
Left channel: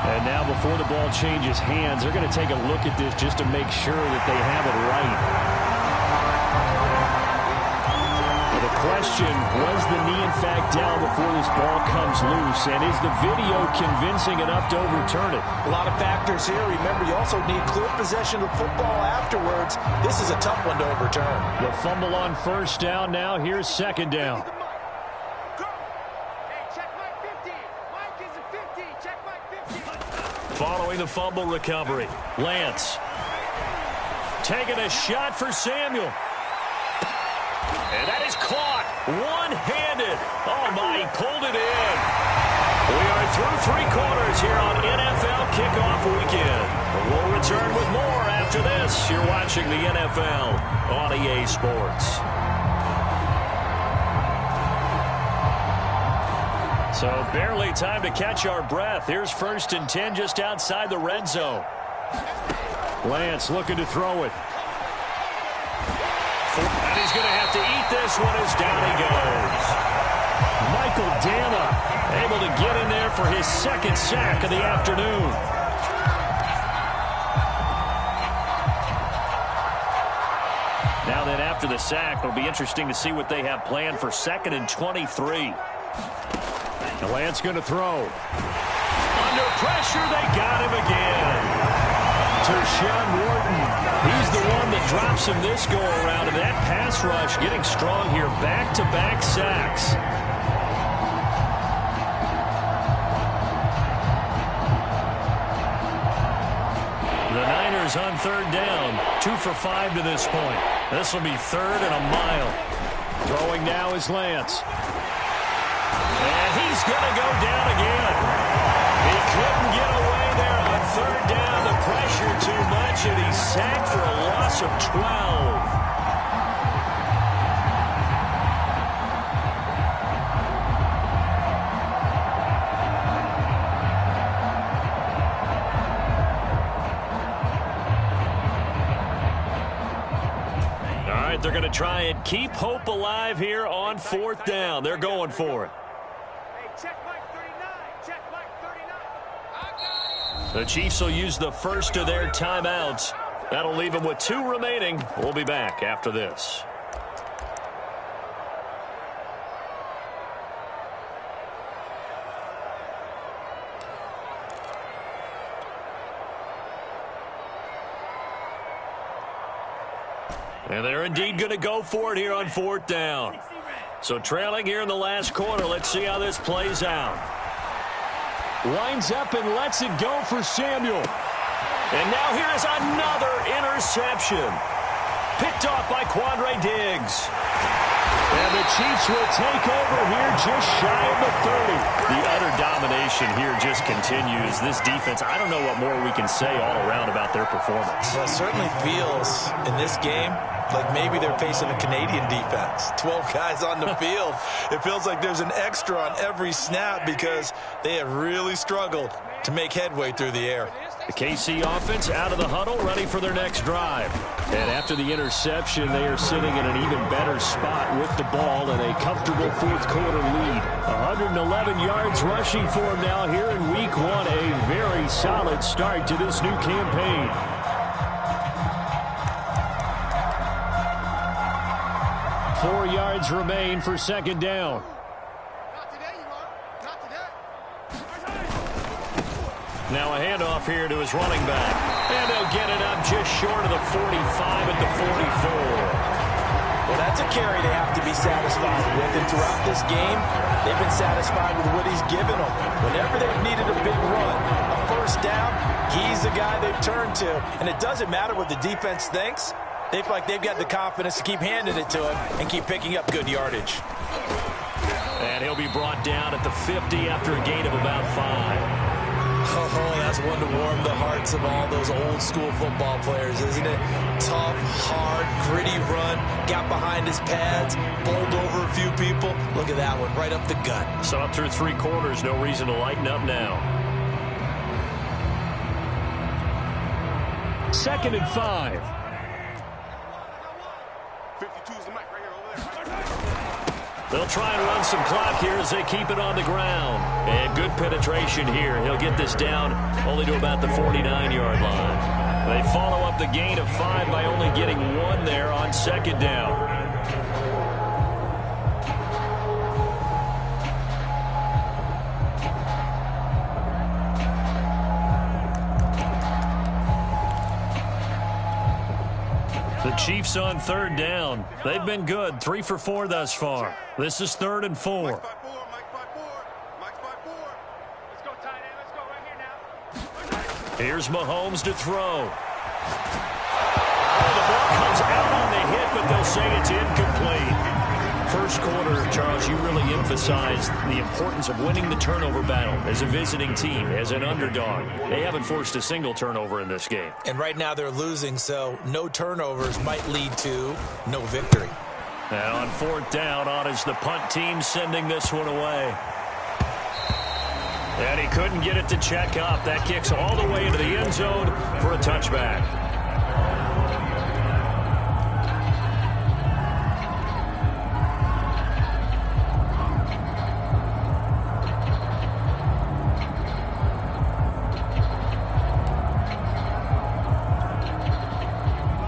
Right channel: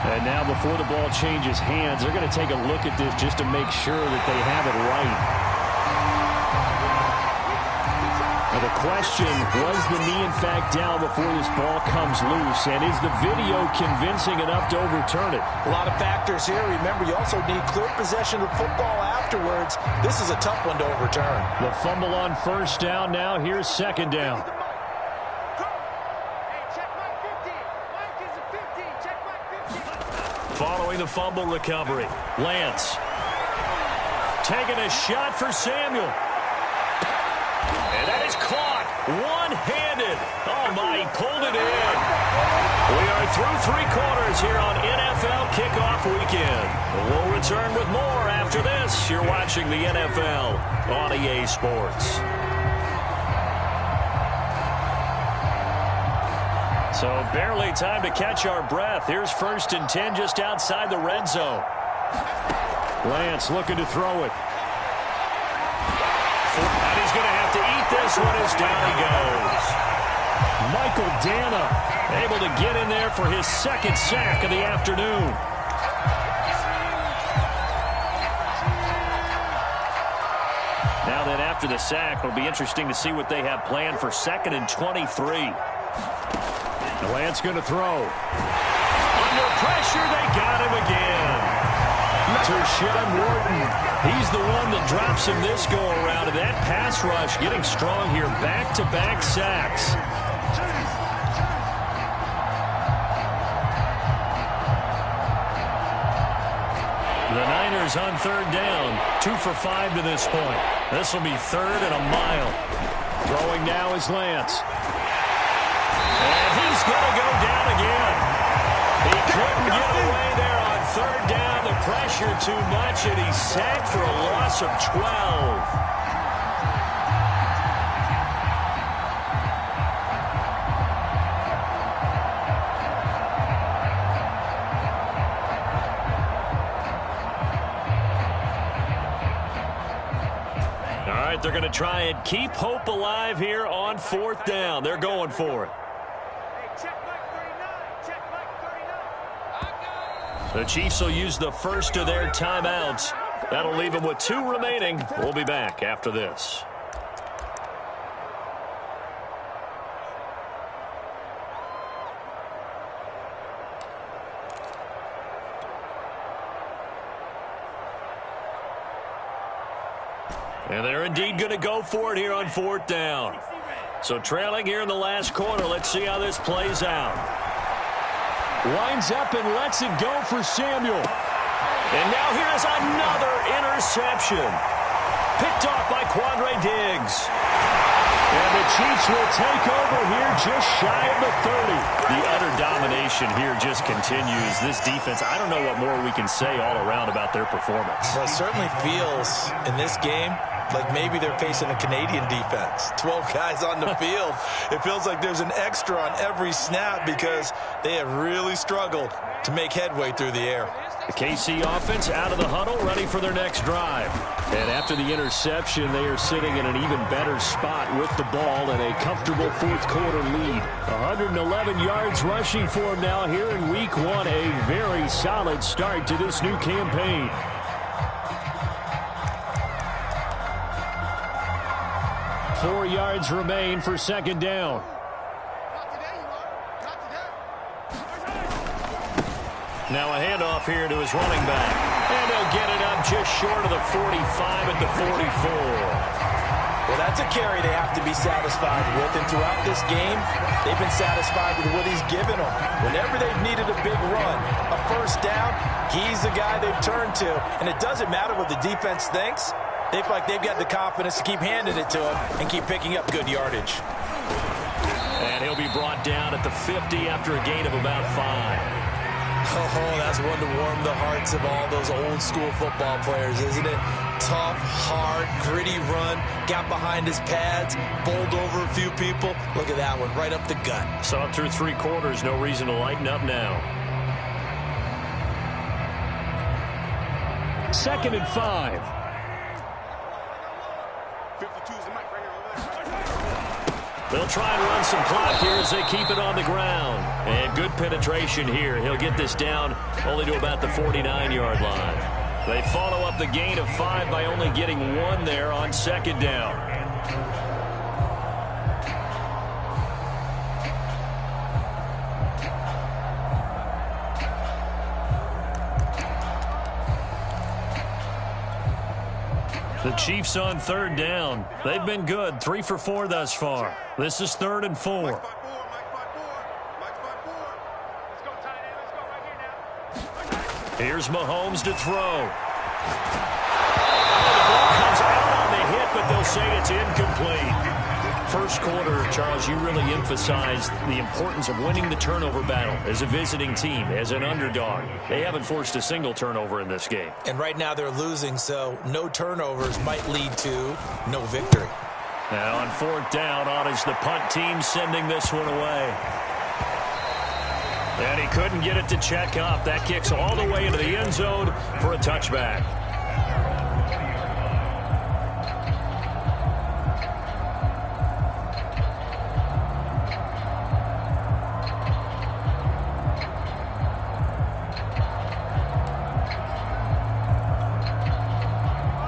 And now before the ball changes hands, they're going to take a look at this just to make sure that they have it right. Now the question, was the knee in fact down before this ball comes loose? And is the video convincing enough to overturn it? A lot of factors here. Remember, you also need clear possession of football afterwards. This is a tough one to overturn. The fumble on first down now. Here's second down. Following the fumble recovery, Lance taking a shot for Samuel. And that is caught one-handed. Oh, my, he pulled it in. We are through three quarters here on NFL Kickoff Weekend. We'll return with more after this. You're watching the NFL on EA Sports. So barely time to catch our breath. Here's 1st and 10 just outside the red zone. Lance looking to throw it. And he's going to have to eat this one as down he goes. Michael Dana able to get in there for his second sack of the afternoon. Now then, after the sack, it'll be interesting to see what they have planned for 2nd and 23. The Lance going to throw. Under pressure, they got him again. Tershawn Wharton, he's the one that drops him this go-around. And that pass rush getting strong here. Back-to-back sacks. The Niners on 3rd down. 2 for 5 to this point. This will be 3rd and a mile. Throwing now is Lance. And he's going to go down again. He couldn't get away there on 3rd down. The pressure too much, and he's sacked for a loss of 12. All right, they're going to try and keep hope alive here on 4th down. They're going for it. The Chiefs will use the first of their timeouts. That'll leave them with 2 remaining. We'll be back after this. And they're indeed going to go for it here on 4th down. So trailing here in the last quarter. Let's see how this plays out. Lines up and lets it go for Samuel. And now here is another interception. Picked off by Quandre Diggs. And the Chiefs will take over here just shy of the 30. The utter domination here just continues. This defense, I don't know what more we can say all around about their performance. Well, it certainly feels in this game like maybe they're facing a Canadian defense. 12 guys on the field. It feels like there's an extra on every snap because they have really struggled to make headway through the air. The KC offense out of the huddle, ready for their next drive. And after the interception, they are sitting in an even better spot with the ball and a comfortable 4th quarter lead. 111 yards rushing for them now here in Week 1. A very solid start to this new campaign. Four yards remain for 2nd down. Now a handoff here to his running back. And they'll get it up just short of the 45 at the 44. Well, that's a carry they have to be satisfied with. And throughout this game, they've been satisfied with what he's given them. Whenever they've needed a big run, a 1st down, he's the guy they've turned to. And it doesn't matter what the defense thinks. They feel like they've got the confidence to keep handing it to him and keep picking up good yardage. And he'll be brought down at the 50 after a gain of about 5. Oh, that's one to warm the hearts of all those old school football players, isn't it? Tough, hard, gritty run, got behind his pads, bowled over a few people. Look at that one, right up the gut. So up through 3 quarters, no reason to lighten up now. 2nd and 5. 52's the mic right here, over there. They'll try and run some clock here as they keep it on the ground. And good penetration here. He'll get this down only to about the 49-yard line. They follow up the gain of 5 by only getting 1 there on 2nd down. The Chiefs on 3rd down. They've been good, 3 for 4 thus far. This is 3rd and 4. Mike's 5-4. Mike's 5-4. Let's go, tight end. Let's go right here now. Here's Mahomes to throw. Oh, the ball comes out on the hit, but they'll say it's incomplete. First quarter, Charles, you really emphasized the importance of winning the turnover battle as a visiting team, as an underdog. They haven't forced a single turnover in this game. And right now they're losing, so no turnovers might lead to no victory. And on 4th down, on is the punt team sending this one away. And he couldn't get it to check up. That kicks all the way into the end zone for a touchback.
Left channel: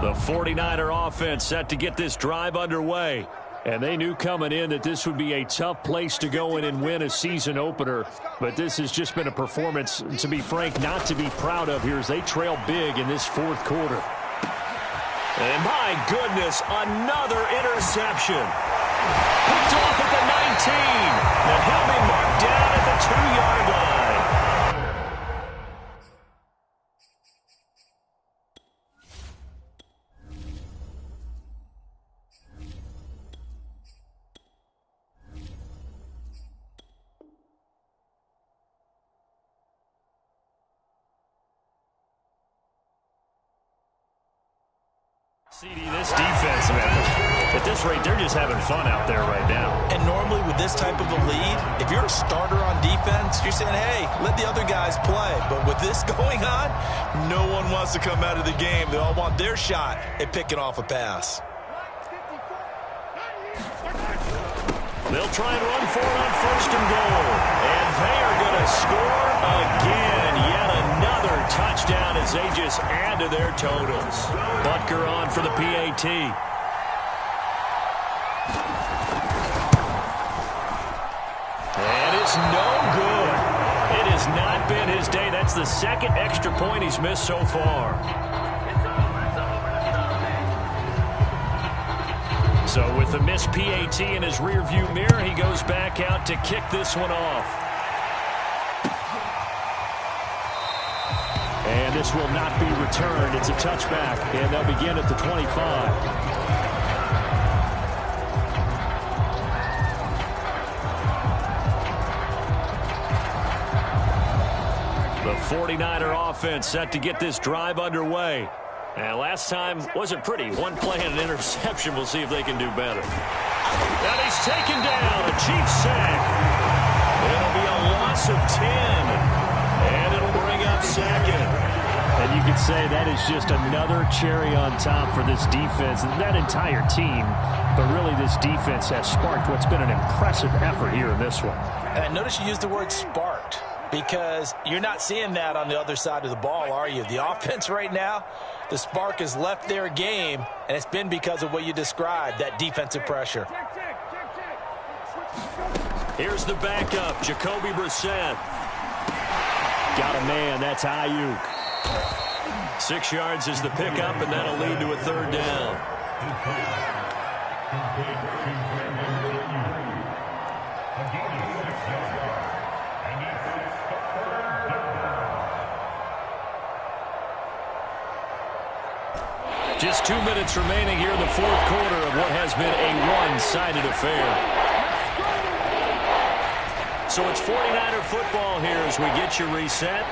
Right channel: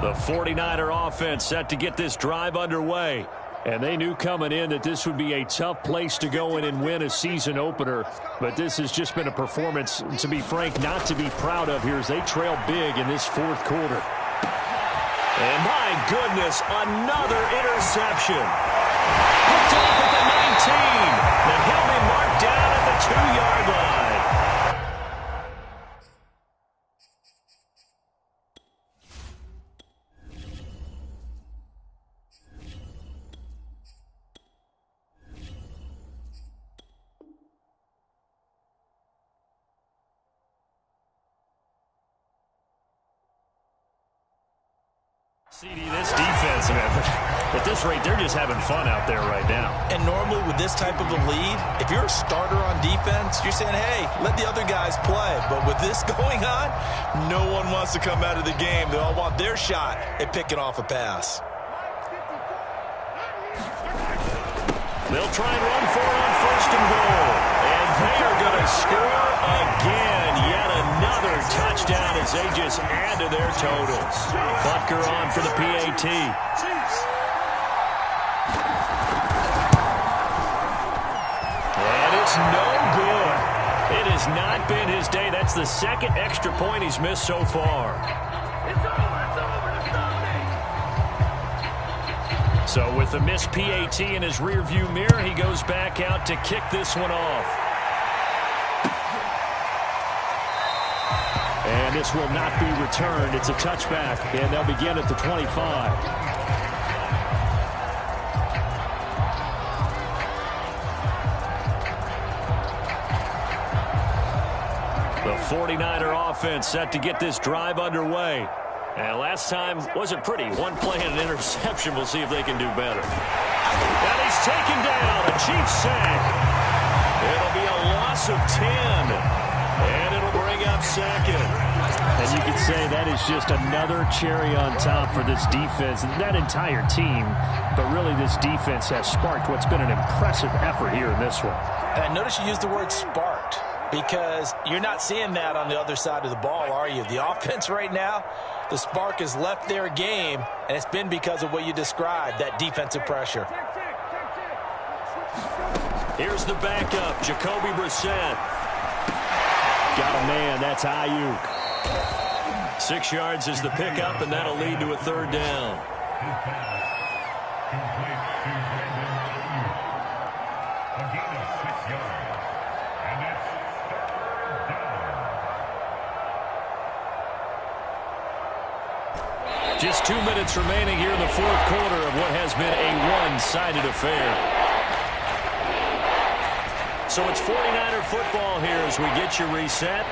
The 49er offense set to get this drive underway. And they knew coming in that this would be a tough place to go in and win a season opener. But this has just been a performance, to be frank, not to be proud of here as they trail big in this 4th quarter. And my goodness, another interception. Hooked off at the 19. Now he'll be marked down at the 2-yard line. CD, this defense, man, at this rate, they're just having fun out there right now. And normally with this type of a lead, if you're a starter on defense, you're saying, hey, let the other guys play. But with this going on, no one wants to come out of the game. They all want their shot at picking off a pass. They'll try and run for it on 1st and goal. And they are going to score again. Yet another touchdown as they just add to their totals. Butker on for the PAT. And it's no good. It has not been his day. That's the 2nd extra point he's missed so far. So with the missed PAT in his rearview mirror, he goes back out to kick this one off. And this will not be returned. It's a touchback, and they'll begin at the 25. The 49er offense set to get this drive underway. And last time wasn't pretty. One play and an interception. We'll see if they can do better. And he's taken down. A Chiefs sack. It'll be a loss of 10. And it'll bring up 2nd. And you could say that is just another cherry on top for this defense and that entire team. But really, this defense has sparked what's been an impressive effort here in this one. And notice you used the word sparked, because you're not seeing that on the other side of the ball, are you? The offense right now, the spark has left their game, and it's been because of what you described, that defensive pressure. Here's the backup, Jacoby Brissett. Got a man, that's Ayuk. 6 yards is the pickup, and that'll lead to a 3rd down. Just 2 minutes remaining here in the fourth quarter of what has been a one-sided affair. So it's 49er football here as we get you reset.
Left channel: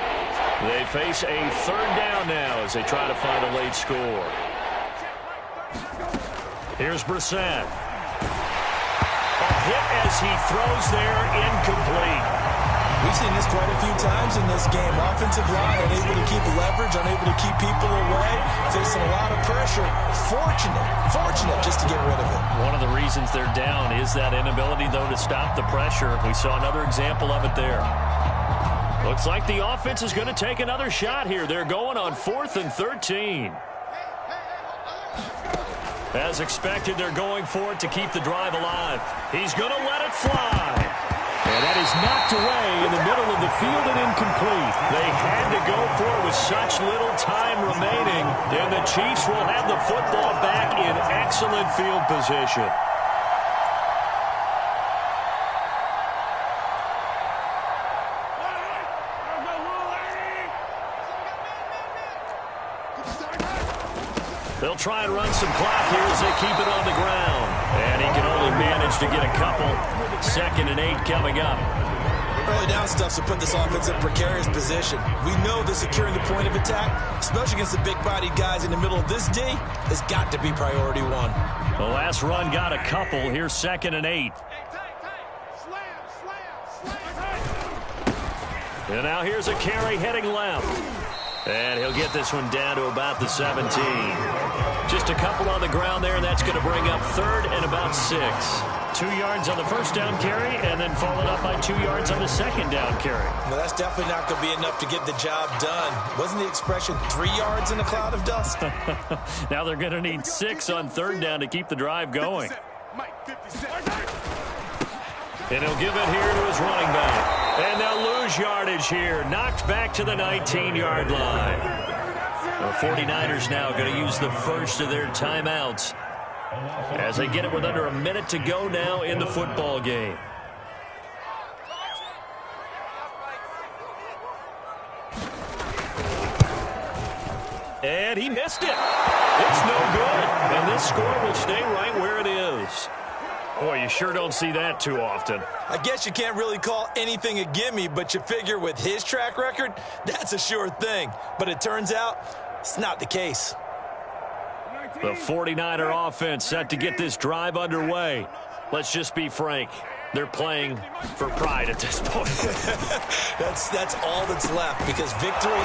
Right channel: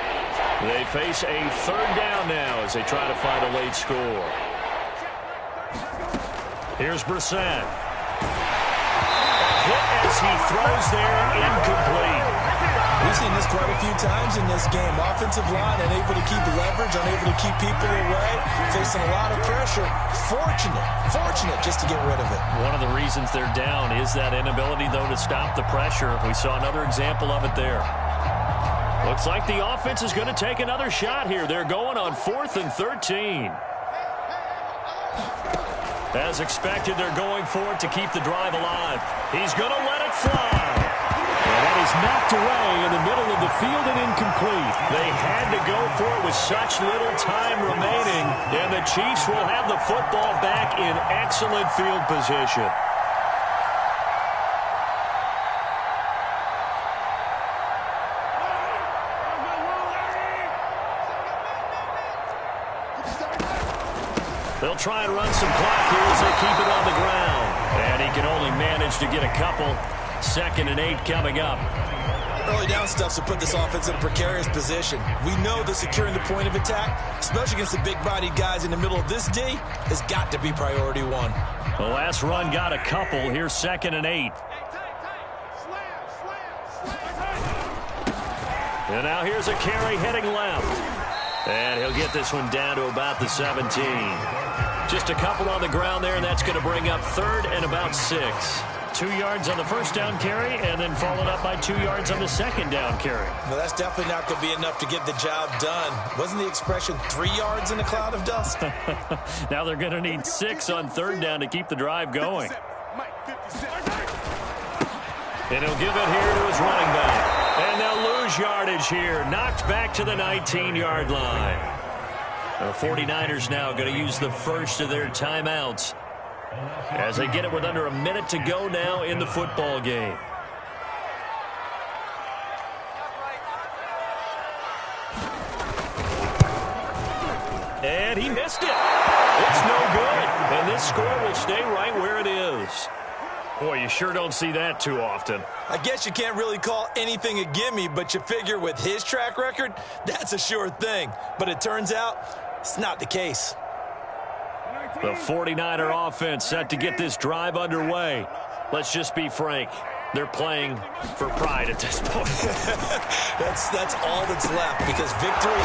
They face a third down now as they try to find a late score. Here's Brissett. A hit as he throws there, incomplete. We've seen this quite a few times in this game. Offensive line unable to keep leverage, unable to keep people away, facing a lot of pressure. Fortunate just to get rid of it. One of the reasons they're down is that inability, though, to stop the pressure. We saw another example of it there. Looks like the offense is going to take another shot here. They're going on 4th and 13. As expected, they're going for it to keep the drive alive. He's going to let it fly. And that is knocked away in the middle of the field and incomplete. They had to go for it with such little time remaining. And the Chiefs will have the football back in excellent field position. They'll try and run some clock here as they keep it on the ground. And he can only manage to get a couple. 2nd and 8 coming up. Early down stuff to put this offense in a precarious position. We know that securing the point of attack, especially against the big-bodied guys in the middle of this D, has got to be priority one. The last run got a couple. Here's 2nd and 8. And now here's a carry heading left. And he'll get this one down to about the 17. Just a couple on the ground there, and that's going to bring up 3rd and about 6. 2 yards on the first down carry, and then followed up by 2 yards on the second down carry. Well, that's definitely not going to be enough to get the job done. Wasn't the expression 3 yards in a cloud of dust? Now they're going to need 6 on 3rd down to keep the drive going. And he'll give it here to his running back. And they'll lose yardage here. Knocked back to the 19-yard line. The 49ers now going to use the first of their timeouts as they get it with under a minute to go now in the football game. And he missed it. It's no good. And this score will stay right where it is. Boy, you sure don't see that too often. I guess you can't really call anything a gimme, but you figure with his track record, that's a sure thing. But it turns out it's not the case. The 49er offense set to get this drive underway. Let's just be frank. They're playing for pride at this point. That's all that's left, because victory,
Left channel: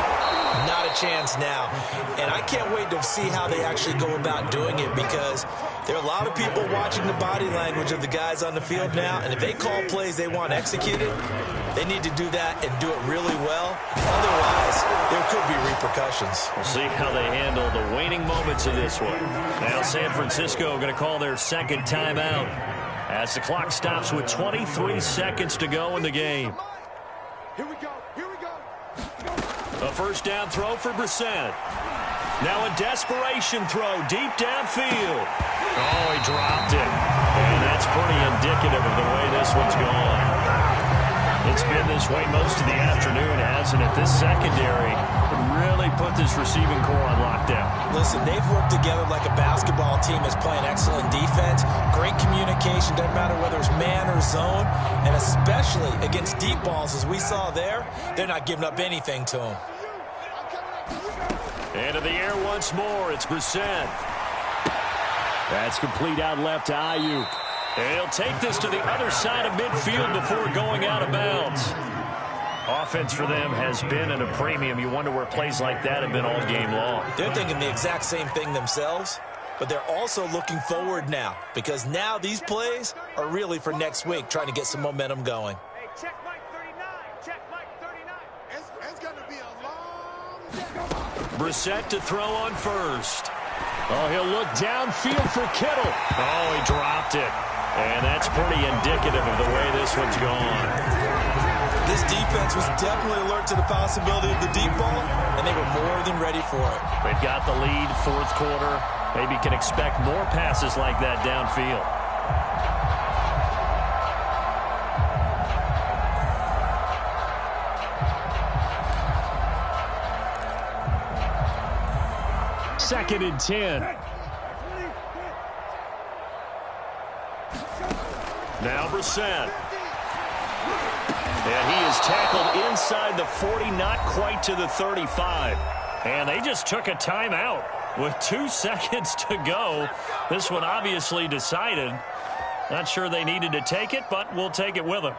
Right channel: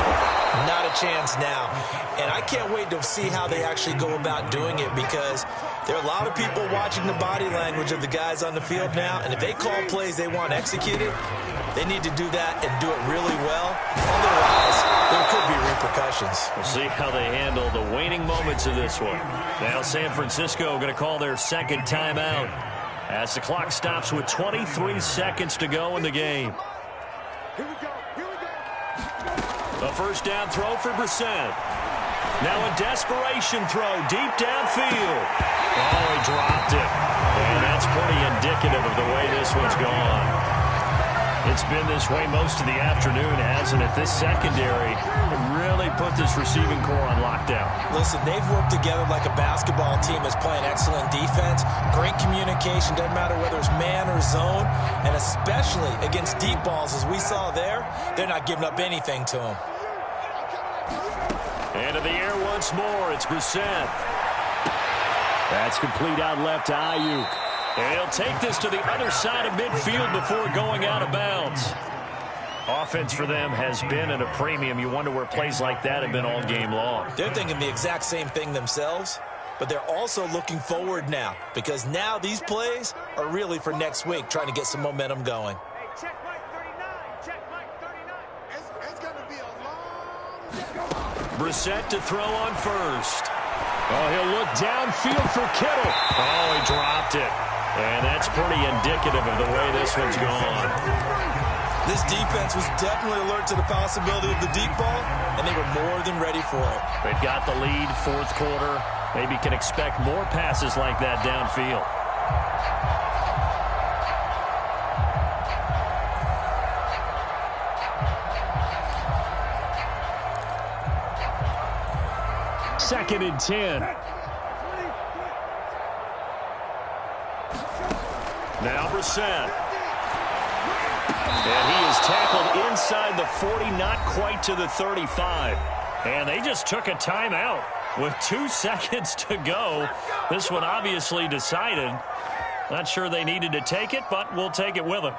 not a chance now. And I can't wait to see how they actually go about doing it, because there are a lot of people watching the body language of the guys on the field now, and if they call plays they want executed, they need to do that and do it really well. Otherwise, there could be repercussions. We'll see how they handle the waning moments of this one. Now San Francisco going to call their second timeout as the clock stops with 23 seconds to go in the game. Here we go. A first down throw for Brissett. Now a desperation throw deep downfield. Oh, he dropped it. And that's pretty indicative of the way this one's gone. It's been this way most of the afternoon, hasn't it? This secondary really put this receiving core on lockdown. Listen, they've worked together like a basketball team that's playing excellent defense. Great communication, doesn't matter whether it's man or zone. And especially against deep balls, as we saw there, they're not giving up anything to them. Into the air once more, it's Brissett. That's complete out left to Ayuk. And he'll take this to the other side of midfield before going out of bounds. Offense for them has been at a premium. You wonder where plays like that have been all game long. They're thinking the exact same thing themselves, but they're also looking forward now, because now these plays are really for next week, trying to get some momentum going. Hey, check Mike 39. Check Mike 39. It's going to be a long day. Brissett to throw on first. Oh, he'll look downfield for Kittle. Oh, he dropped it. And that's pretty indicative of the way this one's gone. This defense was definitely alert to the possibility of the deep ball, and they were more than ready for it. They've got the lead, fourth quarter. Maybe can expect more passes like that downfield. 2nd and 10. Now Brissett. And he is tackled inside the 40, not quite to the 35. And they just took a timeout with 2 seconds to go. This one obviously decided. Not sure they needed to take it, but we'll take it with them.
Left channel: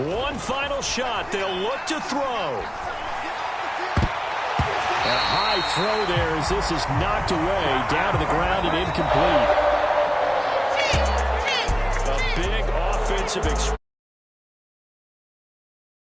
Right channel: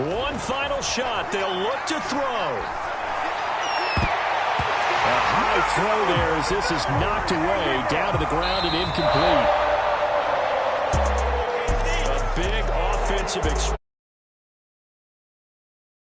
One final shot. They'll look to throw. A high throw there as this is knocked away, down to the ground and incomplete. A big offensive